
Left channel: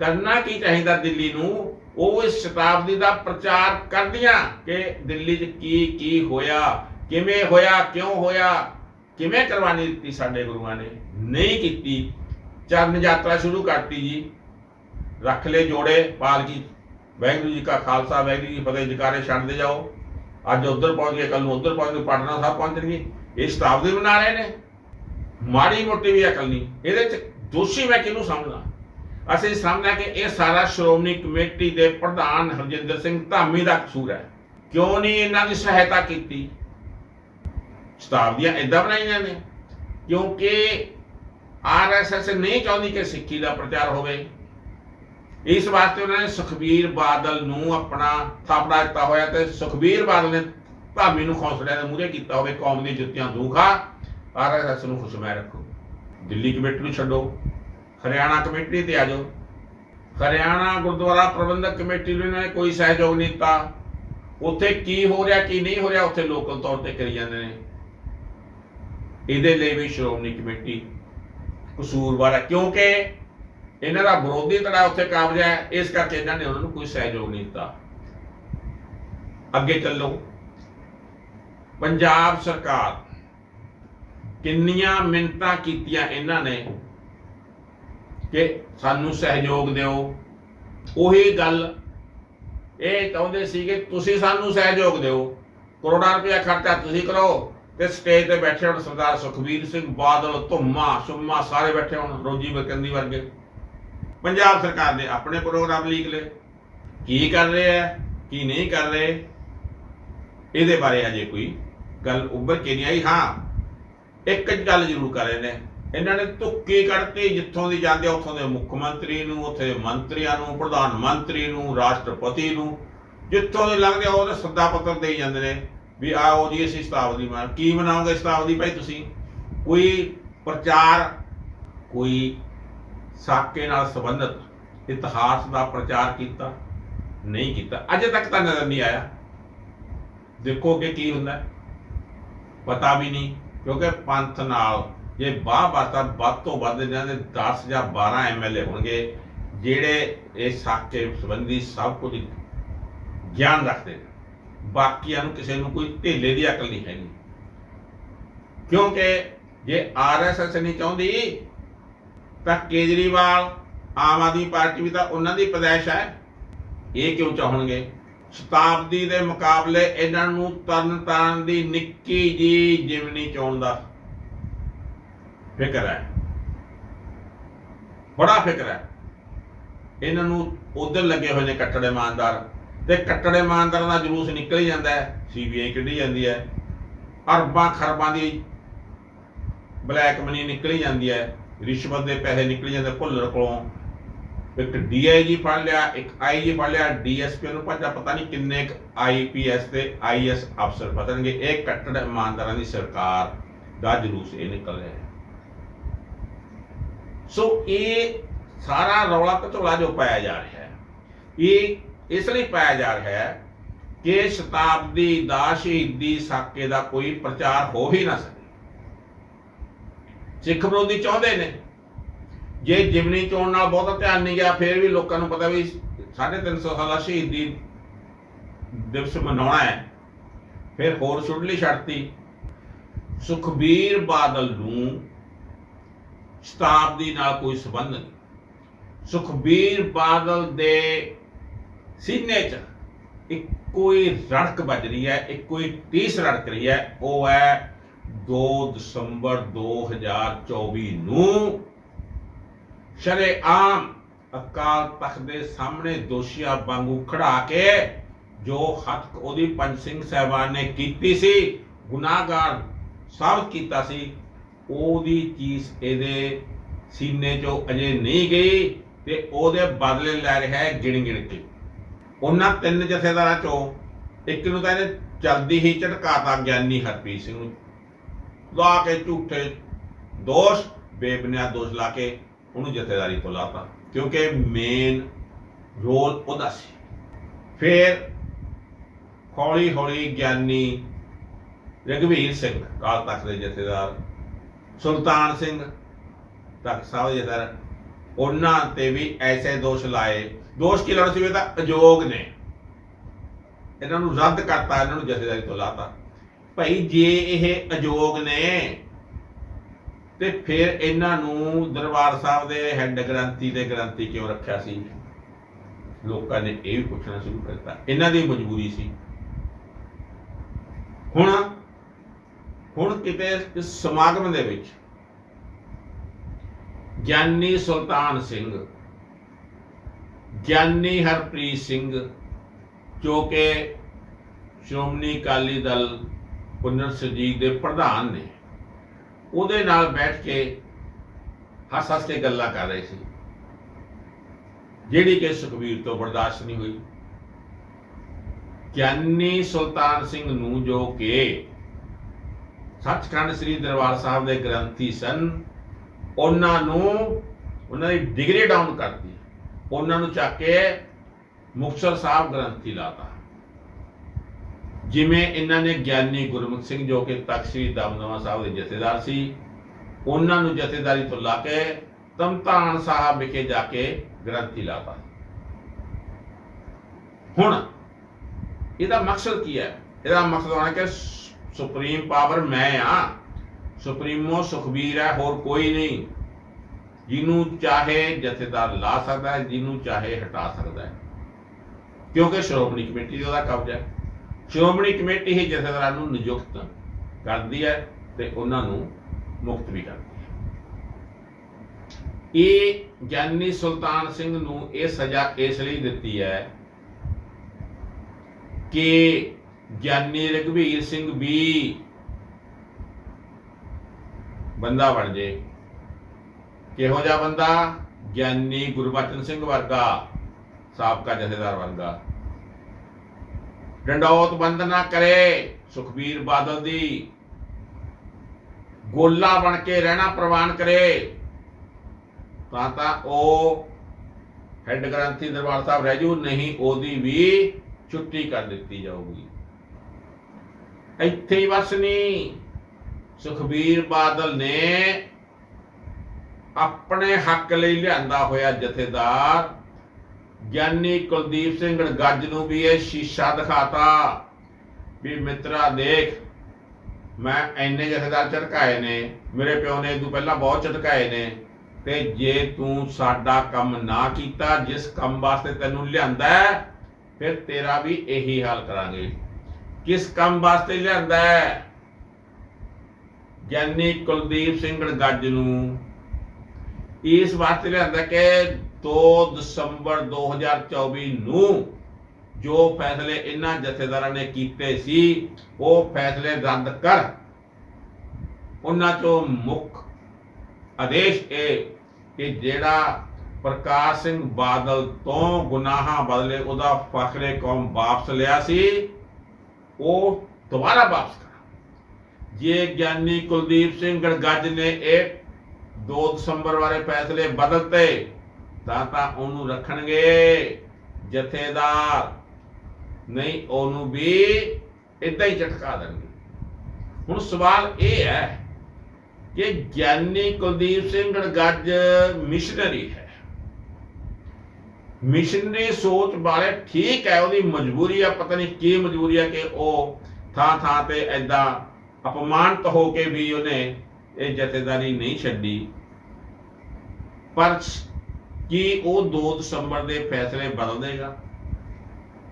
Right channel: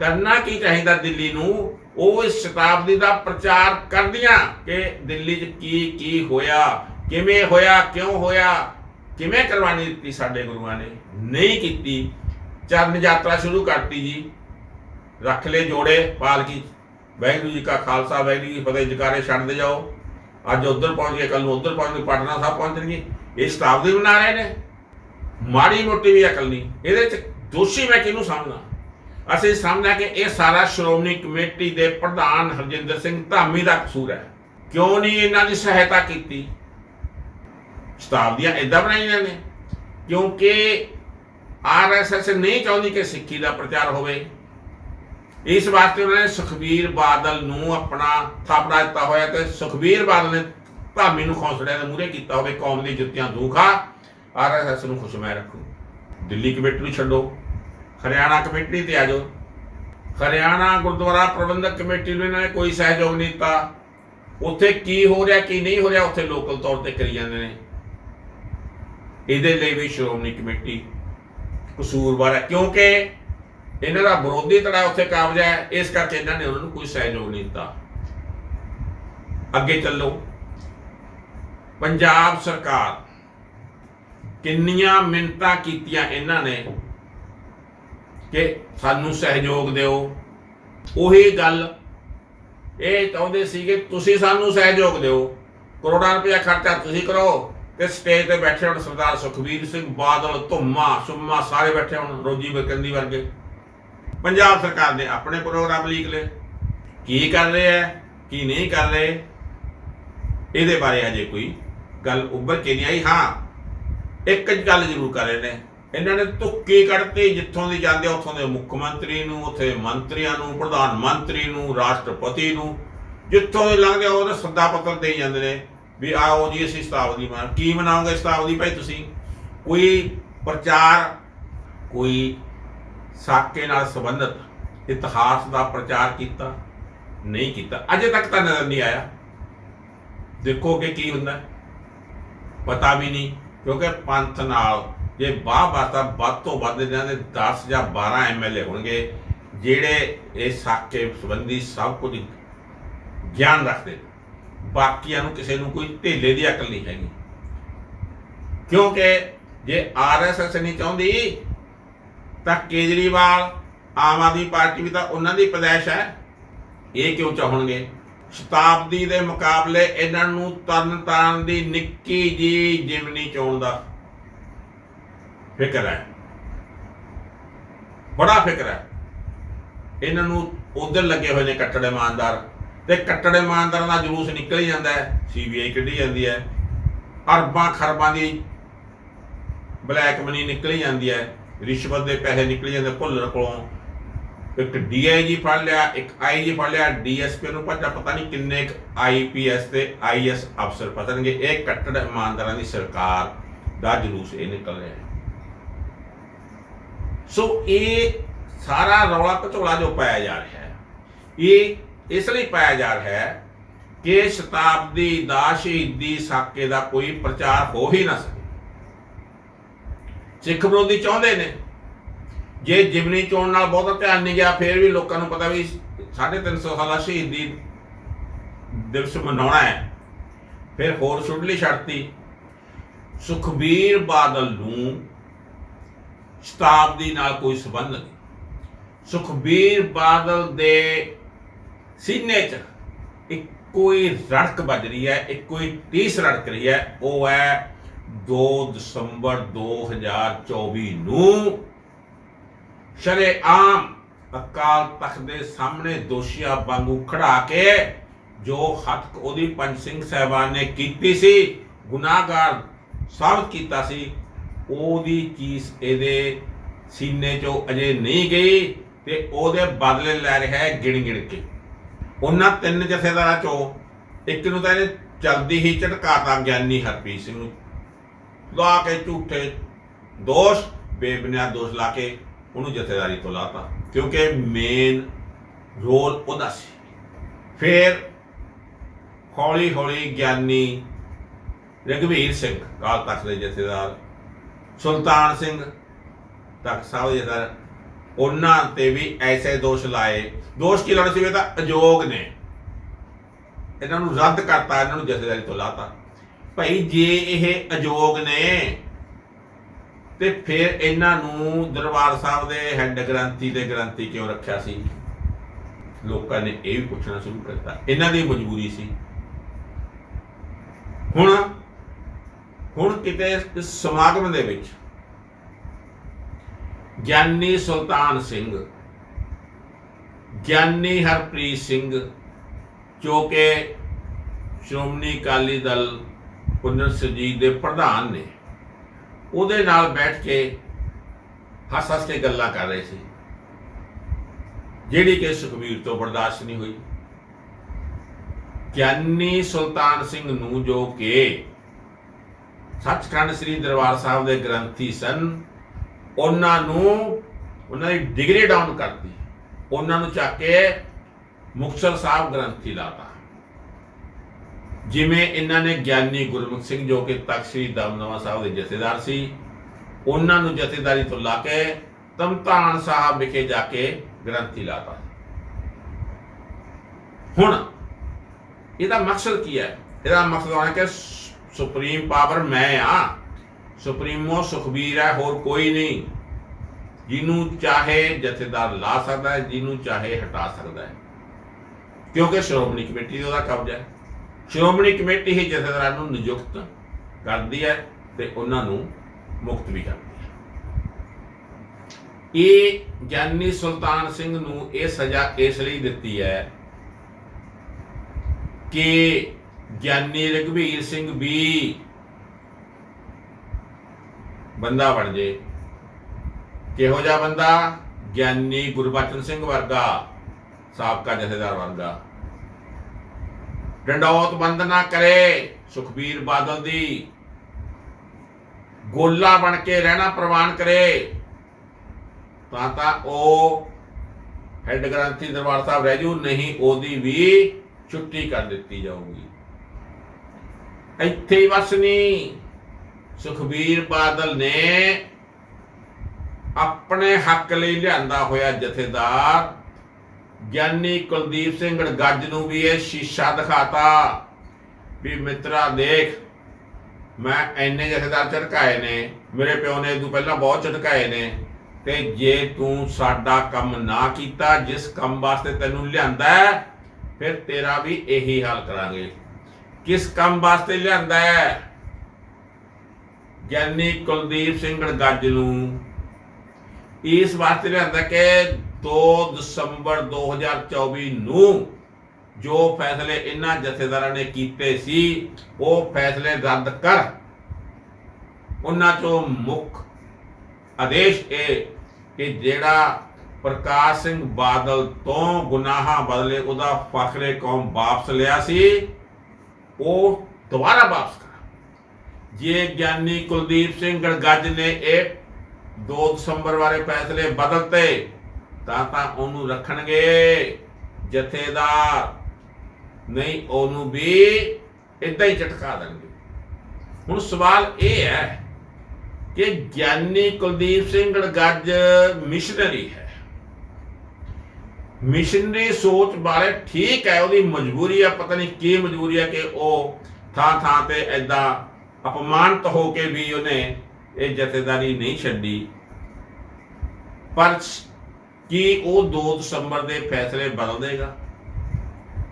[SPEAKER 1] ਕਰਨਾ ਕੀ ਚਾਹੀਦਾ ਦਿੱਲੀ ਨੂੰ? ਉਹ ਇਸ ਸ਼ਤਾਬਦੀ ਦਾ ਪ੍ਰਚਾਰ ਕਰਦੀਆਂ ਕਿ ਦਿੱਲੀ 'ਚ ਕੀ ਕੀ ਹੋਇਆ, ਕਿਵੇਂ ਹੋਇਆ, ਕਿਉਂ ਹੋਇਆ, ਕਿਵੇਂ ਕੁਰਬਾਨੀ ਦਿੱਤੀ ਸਾਡੇ ਗੁਰੂਆਂ ਨੇ? ਨਹੀਂ ਕੀਤੀ। ਚਰਨ ਯਾਤਰਾ ਸ਼ੁਰੂ ਕਰਤੀ ਜੀ। ਰੱਖ ਲੈ ਜੋੜੇ ਪਾਲਕੀ। ਵਾਹਿਗੁਰੂ ਜੀ ਕਾ ਖਾਲਸਾ, ਵਾਹਿਗੁਰੂ ਜੀ ਫਤਿਹ। ਜਕਾਰੇ ਛੱਡਦੇ ਜਾਓ। ਅੱਜ ਉਧਰ ਪਹੁੰਚ ਗਏ ਕੱਲ ਨੂੰ ਉਧਰ ਪਹੁੰਚ ਗਏ, ਪਟਨਾ ਸਾਹਿਬ ਪਹੁੰਚਣਗੇ ਇਹ ਸ਼ਤਾਬਦੀ ਮਨਾ ਰਹੇ ਨੇ। ਮਾੜੀ ਮੋਟੀ ਵੀ ਅਕਲ ਨਹੀਂ। ਇਹਦੇ ਚ ਦੋਸ਼ੀ ਮੈਂ ਕਿਹਨੂੰ ਸਮਝਦਾ ਅਸੀਂ ਸਮਝਦਾ ਕਿ ਇਹ ਸਾਰਾ ਸ਼੍ਰੋਮਣੀ ਕਮੇਟੀ ਦੇ ਪ੍ਰਧਾਨ ਹਰਜਿੰਦਰ ਸਿੰਘ ਧਾਮੀ ਦਾ ਕਸੂਰ ਹੈ। ਕਿਉਂ ਨਹੀਂ ਇਹਨਾਂ ਦੀ ਸਹਾਇਤਾ ਕੀਤੀ? ਸ਼ਤਾਬਦੀਆਂ ਇਦਾਂ ਬਣਾਈਆਂ ਨੇ। ਕਿਉਂਕਿ ਆਰਐਸਐਸ ਨਹੀਂ ਚਾਹੁੰਦੀ ਕਿ ਸਿੱਖੀ ਦਾ ਪ੍ਰਚਾਰ ਹੋਵੇ। ਇਸ ਵਾਸਤੇ ਉਹਨਾਂ ਨੇ ਸੁਖਬੀਰ ਬਾਦਲ ਨੂੰ ਆਪਣਾ ਥਾਪੜਾ ਦਿੱਤਾ ਹੋਇਆ ਤੇ ਸੁਖਬੀਰ ਬਾਦਲ ਨੇ ਧਾਮੀ ਨੂੰ ਖੌਂਸੜਿਆਂ ਦੇ ਮੂਹਰੇ ਕੀਤਾ ਹੋਵੇ, ਕੌਮ ਦੀ ਜੁੱਤੀਆਂ ਦੂਖਾ ਆਰਐਸਐਸ ਨੂੰ ਖੁਸ਼ਮੈ ਰੱਖੋ। ਦਿੱਲੀ ਕਮੇਟੀ ਨੂੰ ਛੱਡੋ, ਹਰਿਆਣਾ ਕਮੇਟੀ ਤੇ ਆ ਜਾਓ। ਹਰਿਆਣਾ ਗੁਰਦੁਆਰਾ ਪ੍ਰਬੰਧਕ ਕਮੇਟੀ ਨੂੰ ਇਹਨਾਂ ਨੇ ਕੋਈ ਸਹਿਯੋਗ ਨਹੀਂ ਦਿੱਤਾ। ਉੱਥੇ ਕੀ ਹੋ ਰਿਹਾ, ਕੀ ਨਹੀਂ ਹੋ ਰਿਹਾ, ਉੱਥੇ ਲੋਕਲ ਤੌਰ ਤੇ ਕਰੀ ਜਾਂਦੇ ਨੇ। ਇਹਦੇ ਲਈ ਵੀ ਸ਼੍ਰੋਮਣੀ ਕਮੇਟੀ ਕਸੂਰਵਾਰ ਹੈ, ਕਿਉਂਕਿ ਇਹਨਾਂ ਦਾ ਵਿਰੋਧੀ ਧੜਾ ਉੱਥੇ ਕਾਬਜ ਹੈ, ਇਸ ਕਰਕੇ ਇਹਨਾਂ ਨੇ ਉਹਨਾਂ ਨੂੰ ਕੋਈ ਸਹਿਯੋਗ ਨਹੀਂ ਦਿੱਤਾ। ਅੱਗੇ ਚੱਲੋ। ਪੰਜਾਬ ਸਰਕਾਰ ਕਿੰਨੀਆਂ ਮਿੰਤਾਂ ਕੀਤੀਆਂ ਇਹਨਾਂ ਨੇ ਕਿ ਸਾਨੂੰ ਸਹਿਯੋਗ ਦਿਓ। ਉਹੀ ਗੱਲ ਇਹ ਚਾਹੁੰਦੇ ਸੀ ਕਿ ਤੁਸੀਂ ਸਾਨੂੰ ਸਹਿਯੋਗ ਦਿਓ। ਕਰੋੜਾਂ ਰੁਪਇਆ ਖਰਚਾ ਤੁਸੀਂ ਕਰੋ ਤੇ ਸਟੇਜ ਤੇ ਬੈਠੇ ਹੁਣ ਸਰਦਾਰ ਸੁਖਬੀਰ ਸਿੰਘ ਬਾਦਲ, ਧੁੰਮਾ, ਸੁਮਾ ਸਾਰੇ ਬੈਠੇ ਹੁਣ ਰੋਜੀ ਬਰਕੰਦੀ ਵਰਗੇ। ਪੰਜਾਬ ਸਰਕਾਰ ਨੇ ਆਪਣੇ ਪ੍ਰੋਗਰਾਮ ਲੀਕ ਲਏ। ਕੀ ਕਰ ਰਹੇ ਹੈ, ਕੀ ਨਹੀਂ ਕਰ ਰਹੇ? ਇਹਦੇ ਬਾਰੇ ਅਜੇ ਕੋਈ ਗੱਲ ਉੱਭਰ ਕੇ ਨਹੀਂ ਆਈ। ਹਾਂ ਇੱਕ ਗੱਲ ਜ਼ਰੂਰ ਕਰ ਰਹੇ ਨੇ ਇਹਨਾਂ ਨੇ ਧੁੱਕੇ ਕੱਢਤੀ ਜਿੱਥੋਂ ਦੀ ਜਾਂਦੇ ਆ, ਉੱਥੋਂ ਦੇ ਮੁੱਖ ਮੰਤਰੀ ਨੂੰ ਉੱਥੇ ਮੰਤਰੀਆਂ ਨੂੰ ਪ੍ਰਧਾਨ ਮੰਤਰੀ ਨੂੰ ਰਾਸ਼ਟਰਪਤੀ ਨੂੰ। ਜਿੱਥੋਂ ਦੇ ਲੰਘਦੇ ਆ ਉਹਦੇ ਸੱਦਾ ਪੱਤਰ ਦੇਈ ਜਾਂਦੇ ਨੇ ਵੀ ਆਓ ਜੀ ਅਸੀਂ ਸ਼ਤਾਬਦੀ ਮਨਾ ਕੀ ਮਨਾਉਂਗੇ ਸ਼ਤਾਬਦੀ ਭਾਈ ਤੁਸੀਂ? ਕੋਈ ਪ੍ਰਚਾਰ ਕੋਈ ਸਾਕੇ ਨਾਲ ਸੰਬੰਧਿਤ ਇਤਿਹਾਸ ਦਾ ਪ੍ਰਚਾਰ ਕੀਤਾ ਨਹੀਂ ਕੀਤਾ। ਅਜੇ ਤੱਕ ਤਾਂ ਨਜ਼ਰ ਨਹੀਂ ਆਇਆ। ਦੇਖੋ ਕਿ ਕੀ ਹੁੰਦਾ। ਪਤਾ ਵੀ ਨਹੀਂ। ਕਿਉਂਕਿ ਪੰਥ ਨਾਲ ਜੇ ਬਾਹ ਬਾਤਾ ਵੱਧ ਤੋਂ ਵੱਧ ਇਹਨਾਂ ਦੇ 10 ਜਾਂ 12 ਐਮਐਲਏ ਹੋਣਗੇ, ਜਿਹੜੇ ਇਹ ਸਾਕੇ ਸੰਬੰਧੀ ਸਭ ਕੁਝ ਗਿਆਨ ਰੱਖਦੇ ਨੇ। ਬਾਕੀਆਂ ਨੂੰ ਕਿਸੇ ਨੂੰ ਕੋਈ ਢੇਲੇ ਦੀ ਅਕਲ ਨਹੀਂ ਹੈਗੀ। ਕਿਉਂਕਿ ਜੇ ਆਰਐਸਐਸ ਨਹੀਂ ਚਾਹੁੰਦੀ, ਤਾਂ ਕੇਜਰੀਵਾਲ ਆਮ ਆਦਮੀ ਪਾਰਟੀ ਵੀ ਤਾਂ ਉਹਨਾਂ ਦੀ ਪਦੈਸ਼ ਹੈ। ਇਹ ਕਿਉਂ ਚਾਹਣਗੇ? ਸ਼ਤਾਬਦੀ ਦੇ ਮੁਕਾਬਲੇ ਇਹਨਾਂ ਨੂੰ ਤਰਨ ਤਾਰਨ ਦੀ ਨਿੱਕੀ ਜੀ ਜਿਮਨੀ ਚੋਣ ਦਾ ਫਿਕਰ ਹੈ। ਬੜਾ ਫਿਕਰ ਹੈ। ਇਹਨਾਂ ਨੂੰ ਉਧਰ ਲੱਗੇ ਹੋਏ ਨੇ ਕੱਟੜ ਇਮਾਨਦਾਰ ਤੇ ਕੱਟੜ ਇਮਾਨਦਾਰਾਂ ਦਾ ਜਲੂਸ ਨਿਕਲ ਹੀ ਜਾਂਦਾ ਹੈ। ਸੀਬੀਆਈ ਕੱਢੀ ਜਾਂਦੀ ਹੈ। ਅਰਬਾਂ ਖਰਬਾਂ ਦੀ ਬਲੈਕ ਮਨੀ ਨਿਕਲ ਹੀ ਜਾਂਦੀ ਹੈ। ਰਿਸ਼ਵਤ ਦੇ ਪੈਸੇ ਨਿਕਲ ਜਾਂਦੇ ਭੁੱਲਰ ਕੋਲੋਂ। ਇੱਕ ਡੀਆਈਜੀ ਫੜ ਲਿਆ, ਇੱਕ ਆਈਜੀ ਫੜ ਲਿਆ, ਡੀਐਸਪੀ ਨੂੰ ਪਤਾ ਪਤਾ ਨਹੀਂ ਕਿੰਨੇ ਆਈਪੀਐਸ ਤੇ ਆਈਐਸ ਅਫਸਰ ਫਸਣਗੇ। ਇਹ ਕੱਟੜ ਇਮਾਨਦਾਰਾਂ ਦੀ ਸਰਕਾਰ ਦਾ ਜਲੂਸ ਇਹ ਨਿਕਲ ਰਿਹਾ ਹੈ। ਸੋ ਇਹ ਸਾਰਾ ਰੌਲਾ ਘਚੋਲਾ ਜੋ ਪਾਇਆ ਜਾ ਰਿਹਾ ਹੈ, ਇਹ ਇਸ ਲਈ ਪਾਇਆ ਜਾ ਰਿਹਾ ਹੈ ਕਿ ਸ਼ਤਾਬਦੀ ਦਾ ਸ਼ਹੀਦੀ ਸਾਕੇ ਦਾ ਕੋਈ ਪ੍ਰਚਾਰ ਹੋ ਹੀ ਨਾ ਸਕੇ। ਸਿੱਖ ਵਿਰੋਧੀ ਚਾਹੁੰਦੇ ਨੇ ਜੇ ਜਿਮਨੀ ਚੋਣ ਨਾਲ ਬਹੁਤਾ ਧਿਆਨ ਨਹੀਂ ਗਿਆ, ਫਿਰ ਵੀ ਲੋਕਾਂ ਨੂੰ ਪਤਾ ਵੀ 350 ਸਾਲਾ ਸ਼ਹੀਦੀ ਦਿਵਸ ਮਨਾਉਣਾ ਹੈ। ਫਿਰ ਹੋਰ ਸੁਡਲੀ ਛੱਡਤੀ। ਸੁਖਬੀਰ ਬਾਦਲ ਨੂੰ ਸ਼ਤਾਬਦੀ ਨਾਲ ਕੋਈ ਸੰਬੰਧ ਨਹੀਂ। ਸੁਖਬੀਰ ਬਾਦਲ ਦੇ ਸੀਨੇ 'ਚ ਇੱਕੋ ਹੀ ਰੜਕ ਵੱਜ ਰਹੀ ਹੈ, ਇੱਕੋ ਹੀ ਟੀਸ ਰੜਕ ਰਹੀ ਹੈ। ਉਹ ਹੈ 2 ਦਸੰਬਰ 2024 ਨੂੰ ਸ਼ਰੇਆਮ ਅਕਾਲ ਤਖਤ ਦੇ ਸਾਹਮਣੇ ਦੋਸ਼ੀਆਂ ਵਾਂਗੂ ਖੜਾ ਕੇ ਜੋ ਹੱਕ ਉਹਦੀ ਪੰਜ ਸਿੰਘ ਸਾਹਿਬਾਨ ਨੇ ਕੀਤੀ ਸੀ, ਗੁਨਾਹਗਾਰ ਸਾਬਤ ਕੀਤਾ ਸੀ, ਉਹਦੀ ਚੀਜ਼ ਇਹਦੇ ਸੀਨੇ 'ਚੋਂ ਅਜੇ ਨਹੀਂ ਗਈ ਤੇ ਉਹਦੇ ਬਦਲੇ ਲੈ ਰਿਹਾ ਹੈ ਗਿਣ ਗਿਣ ਕੇ। ਉਹਨਾਂ ਤਿੰਨ ਜਥੇਦਾਰਾਂ 'ਚੋਂ ਇੱਕ ਨੂੰ ਤਾਂ ਇਹਨੇ ਜਲਦੀ ਹੀ ਝਟਕਾਤਾ ਗਿਆਨੀ ਹਰਪ੍ਰੀਤ ਸਿੰਘ ਨੂੰ। ਲਾ ਕੇ ਝੂਠੇ ਦੋਸ਼, ਬੇਬੁਨਿਆਦ ਦੋਸ਼ ਲਾ ਕੇ ਉਹਨੂੰ ਜਥੇਦਾਰੀ ਤੋਂ ਲਾਤਾ, ਕਿਉਂਕਿ ਮੇਨ ਰੋਲ ਉਹਦਾ ਸੀ। ਫਿਰ ਹੌਲੀ ਹੌਲੀ ਗਿਆਨੀ ਰਘਵੀਰ ਸਿੰਘ, ਕਾਲ ਤਖਤ ਦੇ ਜਥੇਦਾਰ, ਸੁਲਤਾਨ ਸਿੰਘ, ਤਖਤ ਸਾਹਿਬ ਦੇ ਜਥੇਦਾਰ, ਉਹਨਾਂ ਤੇ ਵੀ ਐਸੇ ਦੋਸ਼ ਲਾਏ। ਦੋਸ਼ ਕੀ ਲਾਉਣੇ ਸੀ ਇਹ ਤਾਂ ਅਯੋਗ ਨੇ। ਇਹਨਾਂ ਨੂੰ ਰੱਦ ਕਰਤਾ, ਇਹਨਾਂ ਨੂੰ ਜਥੇਦਾਰੀ ਤੋਂ ਲਾਤਾ। ਭਾਈ ਜੇ ਇਹ ਅਯੋਗ ਨੇ ਤੇ ਫਿਰ ਇਹਨਾਂ ਨੂੰ ਦਰਬਾਰ ਸਾਹਿਬ ਦੇ ਹੈੱਡ ਗ੍ਰੰਥੀ ਤੇ ਗ੍ਰੰਥੀ ਕਿਉਂ ਰੱਖਿਆ ਸੀ? ਲੋਕਾਂ ਨੇ ਇਹ ਵੀ ਪੁੱਛਣਾ ਸ਼ੁਰੂ ਕਰਤਾ। ਇਹਨਾਂ ਦੀ ਮਜਬੂਰੀ ਸੀ। ਹੁਣ ਹੁਣ ਕਿਤੇ ਇਸ ਸਮਾਗਮ ਦੇ ਵਿੱਚ ਗਿਆਨੀ ਸੁਲਤਾਨ ਸਿੰਘ, ਗਿਆਨੀ ਹਰਪ੍ਰੀਤ ਸਿੰਘ, ਜੋ ਕਿ ਸ਼੍ਰੋਮਣੀ ਅਕਾਲੀ ਦਲ ਪੁਨਰ ਸੁਰਜੀਤ ਦੇ ਪ੍ਰਧਾਨ ਨੇ ਉਹਦੇ ਨਾਲ ਬੈਠ ਕੇ ਹੱਸ ਹੱਸ ਕੇ ਗੱਲਾਂ ਕਰ ਰਹੇ ਸੀ। ਜਿਹੜੀ ਕਿ ਸੁਖਬੀਰ ਤੋਂ ਬਰਦਾਸ਼ਤ ਨਹੀਂ ਹੋਈ। ਗਿਆਨੀ ਸੁਲਤਾਨ ਸਿੰਘ ਨੂੰ ਜੋ ਕਿ ਸੱਚਖੰਡ ਸ੍ਰੀ ਦਰਬਾਰ ਸਾਹਿਬ ਦੇ ਗ੍ਰੰਥੀ ਸਨ, ਉਹਨਾਂ ਨੂੰ ਉਹਨਾਂ ਦੀ ਡਿਗਰੀ ਡਾਊਨ ਕਰਤੀ। ਉਹਨਾਂ ਨੂੰ ਚੱਕ ਕੇ ਮੁਕਤਸਰ ਸਾਹਿਬ ਗ੍ਰੰਥੀ ਲਾਤਾ। ਜਿਵੇਂ ਇਹਨਾਂ ਨੇ ਗਿਆਨੀ ਗੁਰਮੁਖ ਸਿੰਘ ਜੋ ਕਿ ਤਖਤ ਦਮਦਮਾ ਸਾਹਿਬ ਦੇ ਜਥੇਦਾਰ ਸੀ, ਉਹਨਾਂ ਨੂੰ ਜਥੇਦਾਰੀ ਤੋਂ ਲਾ ਕੇ ਤਮਤਾਨ ਸਾਹਿਬ ਵਿਖੇ ਜਾ ਕੇ ਗ੍ਰੰਥੀ ਲਾਤਾ। ਹੁਣ ਇਹਦਾ ਮਕਸਦ ਕੀ ਹੈ? ਇਹਦਾ ਮਕਸਦ ਹੋਣਾ ਕਿ ਸੁਪਰੀਮ ਪਾਵਰ ਮੈਂ ਆ, ਸੁਪਰੀਮੋ ਸੁਖਬੀਰ ਹੈ, ਹੋਰ ਕੋਈ ਨਹੀਂ। ਜਿਹਨੂੰ ਚਾਹੇ ਜਥੇਦਾਰ ਲਾ ਸਕਦਾ ਹੈ, ਜਿਹਨੂੰ ਚਾਹੇ ਹਟਾ ਸਕਦਾ ਹੈ। ਕਿਉਂਕਿ ਸ਼੍ਰੋਮਣੀ ਕਮੇਟੀ ਦਾ ਉਹਦਾ ਕਬਜ਼ਾ ਹੈ। ਸ਼੍ਰੋਮਣੀ ਕਮੇਟੀ ਹੀ ਜਥੇਦਾਰਾਂ ਨੂੰ ਨਿਯੁਕਤ ਕਰਦੀ ਹੈ ਤੇ ਉਹਨਾਂ ਨੂੰ ਮੁਕਤ ਵੀ ਕਰਦੀ ਹੈ। ਇਹ ਗਿਆਨੀ ਸੁਲਤਾਨ ਸਿੰਘ ਨੂੰ ਇਹ ਸਜ਼ਾ ਇਸ ਲਈ ਦਿੱਤੀ ਹੈ ਕਿ ਗਿਆਨੀ ਰਘਵੀਰ ਸਿੰਘ ਵੀ ਬੰਦਾ ਬਣ ਜੇ। ਕਿਹੋ ਜਿਹਾ ਬੰਦਾ? ਗਿਆਨੀ ਗੁਰਬਚਨ ਸਿੰਘ ਵਰਗਾ, ਸਾਬਕਾ ਜਥੇਦਾਰ ਵਰਗਾ। ਡੰਡੌਤ ਬੰਦ ਨਾ ਕਰੇ, ਸੁਖਬੀਰ ਬਾਦਲ ਦੀ। ਗੋਲਾ ਬਣ ਕੇ ਰਹਿਣਾ ਪ੍ਰਵਾਨ ਕਰੇ। ਤਾਂ ਤਾਂ ਉਹ ਹੈੱਡ ਗ੍ਰੰਥੀ ਦਰਬਾਰ ਸਾਹਿਬ ਰਹਿ ਜੂ, ਨਹੀਂ ਉਹਦੀ ਵੀ ਛੁੱਟੀ ਕਰ ਦਿੱਤੀ ਜਾਊਗੀ। ਇੱਥੇ ਹੀ ਬਸ ਨਹੀਂ ਸੁਖਬੀਰ ਬਾਦਲ ਨੇ ਆਪਣੇ ਹੱਕ ਲਈ ਲਿਆਂਦਾ ਹੋਇਆ ਜਥੇਦਾਰ ਗਿਆਨੀ ਕੁਲਦੀਪ ਸਿੰਘ ਗੱਜ ਨੂੰ ਵੀ ਇਹ ਸ਼ੀਸ਼ਾ ਦਿਖਾਤਾ। ਵੀ ਮਿੱਤਰਾ, ਦੇਖ, ਮੈਂ ਐਨੇ ਜਥੇਦਾਰ ਝਟਕਾਏ ਨੇ, ਮੇਰੇ ਪਿਓ ਨੇ ਇਹ ਤੋਂ ਪਹਿਲਾਂ ਬਹੁਤ ਝਟਕਾਏ ਨੇ, ਤੇ ਜੇ ਤੂੰ ਸਾਡਾ ਕੰਮ ਨਾ ਕੀਤਾ, ਜਿਸ ਕੰਮ ਵਾਸਤੇ ਤੈਨੂੰ ਲਿਆਂਦਾ ਫਿਰ ਤੇਰਾ ਵੀ ਇਹੀ ਹਾਲ ਕਰਾਂਗੇ। ਕਿਸ ਕੰਮ ਵਾਸਤੇ ਲਿਆਂਦਾ ਹੈ? ਗਿਆਨੀ ਕੁਲਦੀਪ ਸਿੰਘ ਗੱਜ ਨੂੰ। ਇਸ ਵਾਸਤੇ ਲਿਆਂਦਾ ਕਿ 2 ਦਸੰਬਰ 2024 ਨੂੰ ਜੋ ਫੈਸਲੇ ਇਹਨਾਂ ਜਥੇਦਾਰਾਂ ਨੇ ਕੀਤੇ ਸੀ, ਉਹ ਫੈਸਲੇ ਰੱਦ ਕਰ। ਉਹਨਾਂ ਚੋਂ ਮੁੱਖ ਆਦੇਸ਼ ਇਹ ਕਿ ਜਿਹੜਾ ਪ੍ਰਕਾਸ਼ ਸਿੰਘ ਬਾਦਲ ਤੋਂ ਗੁਨਾਹਾਂ ਬਦਲੇ ਉਹਦਾ ਫਖਰੇ ਕੌਮ ਵਾਪਸ ਲਿਆ ਸੀ, ਉਹ ਦੁਬਾਰਾ ਵਾਪਸ ਕਰ। ਜੇ ਗਿਆਨੀ ਕੁਲਦੀਪ ਸਿੰਘ ਗੜਗੱਜ ਨੇ ਇਹ 2 ਦਸੰਬਰ ਬਾਰੇ ਫੈਸਲੇ ਬਦਲਤੇ ਤਾਂ ਤਾਂ ਉਹਨੂੰ ਰੱਖਣਗੇ ਜਥੇਦਾਰ। ਨਹੀਂ, ਉਹਨੂੰ ਵੀ ਇਦਾਂ ਹੀ ਝਟਕਾ ਦੇਣਗੇ। ਹੁਣ ਸਵਾਲ ਇਹ ਹੈ ਕਿ ਗਿਆਨੀ ਕੁਲਦੀਪ ਸਿੰਘ ਗੜਗੱਜ ਮਿਸ਼ਨਰੀ ਹੈ। ਮਿਸ਼ਨਰੀ ਸੋਚ ਬਾਰੇ ਠੀਕ ਹੈ, ਉਹਦੀ ਮਜਬੂਰੀ ਆ, ਪਤਾ ਨਹੀਂ ਕੀ ਮਜਬੂਰੀ ਹੈ ਕਿ ਉਹ ਥਾਂ ਥਾਂ ਤੇ ਐਦਾਂ ਅਪਮਾਨਿਤ ਹੋ ਕੇ ਵੀ ਉਹਨੇ ਇਹ ਜਥੇਦਾਰੀ ਨਹੀਂ ਛੱਡੀ। ਪਰ ਕਿ ਉਹ 2 ਦਸੰਬਰ ਦੇ ਫੈਸਲੇ ਬਦਲ ਦੇਗਾ?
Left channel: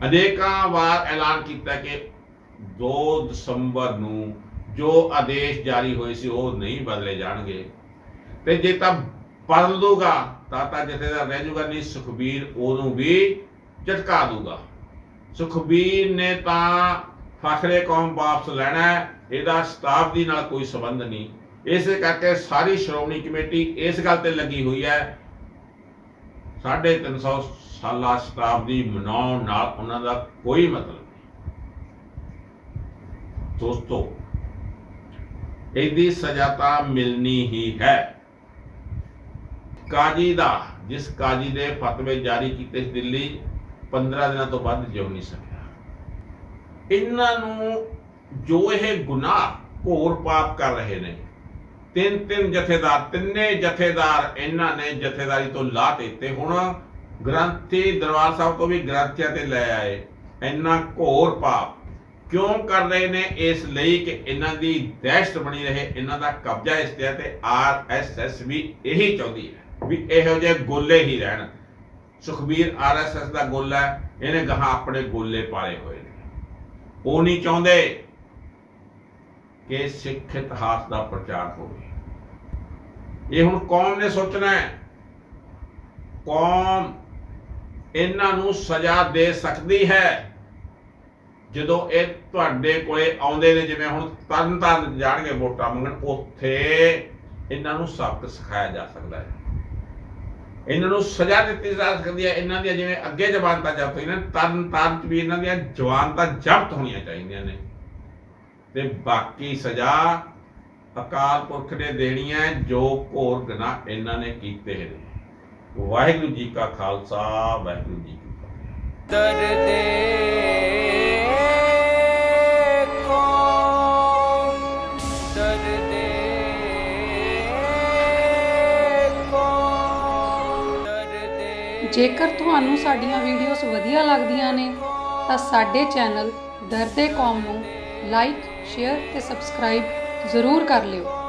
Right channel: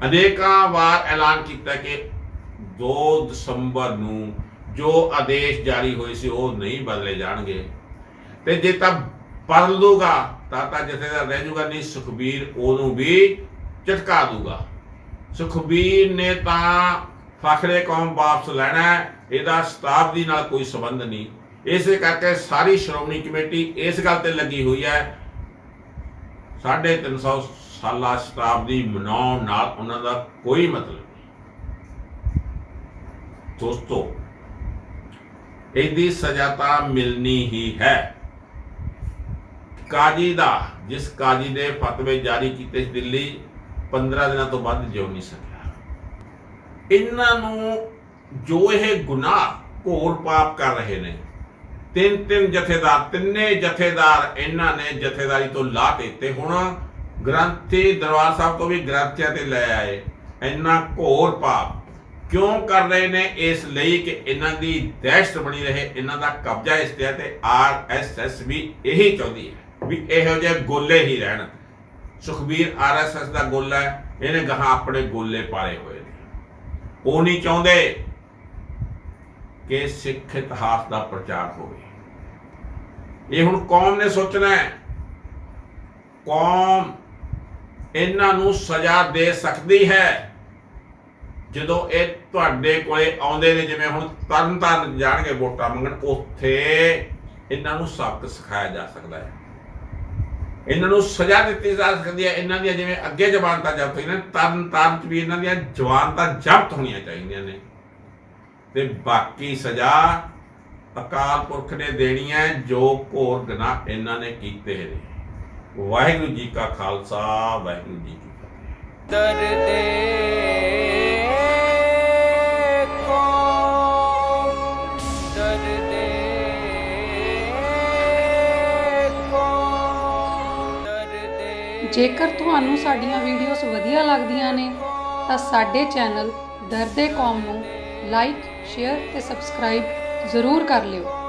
[SPEAKER 1] ਅਨੇਕਾਂ ਵਾਰ ਐਲਾਨ ਕੀਤਾ ਕਿ 2 ਦਸੰਬਰ ਨੂੰ ਜੋ ਆਦੇਸ਼ ਜਾਰੀ ਹੋਏ ਸੀ ਉਹ ਨਹੀਂ ਬਦਲੇ ਜਾਣਗੇ। ਤੇ ਜੇ ਤਾਂ ਬਦਲ ਦੂਗਾ, ਤਾਂ ਤਾਂ ਜਥੇਦਾਰ ਰਹਿ ਜੂਗਾ ਨਹੀਂ, ਸੁਖਬੀਰ ਉਹਨੂੰ ਵੀ ਝਟਕਾ ਦੂਗਾ। ਸੁਖਬੀਰ ਨੇ ਤਾਂ ਫਖਰੇ ਕੌਮ ਵਾਪਸ ਲੈਣਾ ਇਹਦਾ ਸ਼ਤਾਬਦੀ ਨਾਲ ਕੋਈ ਸੰਬੰਧ ਨਹੀਂ। ਇਸੇ ਕਰਕੇ ਸਾਰੀ ਸ਼੍ਰੋਮਣੀ ਕਮੇਟੀ ਇਸ ਗੱਲ ਤੇ ਲੱਗੀ ਹੋਈ ਹੈ 350 ਸਾਲਾ ਸ਼ਤਾਬਦੀ ਮਨਾਉਣ ਨਾਲ ਉਹਨਾਂ ਦਾ ਕੋਈ ਮਤਲਬ ਨਹੀਂ। ਦੋਸਤੋ, ਇਹਦੀ ਸਜ਼ਾ ਤਾਂ ਮਿਲਣੀ ਹੀ ਹੈ। ਕਾਜੀ ਦਾ, ਜਿਸ ਕਾਜੀ ਦੇ ਫਤਵੇ ਜਾਰੀ ਕੀਤੇ ਸੀ ਦਿੱਲੀ 15 ਦਿਨਾਂ ਤੋਂ ਵੱਧ ਜਿਉ ਨਹੀਂ ਸਕਿਆ। ਇਹਨਾਂ ਨੂੰ ਜੋ ਇਹ ਗੁਨਾਹ ਘੋਰ ਪਾਪ ਕਰ ਰਹੇ ਨੇ ਤਿੰਨ ਤਿੰਨ ਜਥੇਦਾਰ, ਤਿੰਨੇ ਜਥੇਦਾਰ ਇਹਨਾਂ ਨੇ ਜਥੇਦਾਰੀ ਤੋਂ ਲਾ ਦਿੱਤੇ। ਹੁਣ ਗ੍ਰੰਥੀ ਦਰਬਾਰ ਸਾਹਿਬ ਤੋਂ ਵੀ ਗ੍ਰੰਥੀਆਂ ਤੇ ਲੈ ਆਏ। ਇੰਨਾ ਘੋਰ ਪਾਪ ਕਿਉਂ ਕਰ ਰਹੇ ਨੇ? ਇਸ ਲਈ ਕਿ ਇਹਨਾਂ ਦੀ ਦਹਿਸ਼ਤ ਬਣੀ ਰਹੇ। ਇਹਨਾਂ ਦਾ ਕਬਜ਼ਾ ਇਸ ਤੇ ਹੈ ਤੇ ਆਰਐਸਐਸ ਵੀ ਇਹੀ ਚਾਹੁੰਦੀ ਹੈ ਵੀ ਇਹੋ ਜਿਹੇ ਗੋਲੇ ਹੀ ਰਹਿਣ। ਸੁਖਬੀਰ ਆਰਐਸਐਸ ਦਾ ਗੋਲਾ ਹੈ। ਇਹਨੇ ਗਾਹਾਂ ਆਪਣੇ ਗੋਲੇ ਪਾਲੇ ਹੋਏ ਨੇ। ਉਹ ਨਹੀਂ ਚਾਹੁੰਦੇ ਕਿ ਸਿੱਖ ਇਤਿਹਾਸ ਦਾ ਪ੍ਰਚਾਰ ਹੋਵੇ। ਇਹ ਹੁਣ ਕੌਮ ਨੇ ਸੋਚਣਾ ਹੈ। ਕੌਮ ਇਹਨਾਂ ਨੂੰ ਸਜ਼ਾ ਦੇ ਸਕਦੀ ਹੈ ਜਦੋਂ ਇਹ ਤੁਹਾਡੇ ਕੋਲੇ ਆਉਂਦੇ ਨੇ, ਜਿਵੇਂ ਹੁਣ ਤਰਨ ਤਾਰਨ ਜਾਣਗੇ ਵੋਟਾਂ ਮੰਗਣ, ਉੱਥੇ ਇਹਨਾਂ ਨੂੰ ਸਬਕ ਸਿਖਾਇਆ ਜਾ ਸਕਦਾ ਹੈ। ਇਹਨਾਂ ਨੂੰ ਸਜ਼ਾ ਦਿੱਤੀ ਜਾ ਸਕਦੀ ਹੈ। ਇਹਨਾਂ ਦੀਆਂ ਜਿਵੇਂ ਅੱਗੇ ਜ਼ਬਾਨਤਾਂ ਜ਼ਬਤ ਹੋਈਆਂ ਨੇ ਤਰਨ ਤਾਰਨ ਚ ਵੀ ਇਹਨਾਂ ਦੀਆਂ ਜ਼ਬਾਨਤਾਂ ਜ਼ਬਤ ਹੋਣੀਆਂ ਚਾਹੀਦੀਆਂ ਨੇ। ਤੇ ਬਾਕੀ ਸਜ਼ਾ ਅਕਾਲ ਪੁਰਖ ਨੇ ਦੇਣੀ ਹੈ ਜੋ ਘੋਰ ਗੁਨਾਹ ਇਹਨਾਂ ਨੇ ਕੀਤੇ ਨੇ। ਵਾਹਿਗੁਰੂ ਜੀ ਕਾ ਖਾਲਸਾ ਵਾਹਿਗੁਰੂ ਜੀ ਕੀ ਫਤਿਹ।
[SPEAKER 2] ਦਰਦੇ ਕੋ ਦਰਦੇ ਕੋ ਦਰਦੇ
[SPEAKER 3] ਜੇਕਰ ਤੁਹਾਨੂੰ ਸਾਡੀਆਂ ਵੀਡੀਓਜ਼ ਵਧੀਆ ਲੱਗਦੀਆਂ ਨੇ ਤਾਂ ਸਾਡੇ ਚੈਨਲ ਦਰਦੇ ਕੌਮ ਨੂੰ ਲਾਈਕ ਸ਼ੇਅਰ ਤੇ ਸਬਸਕ੍ਰਾਈਬ ਜ਼ਰੂਰ ਕਰ ਲਿਓ।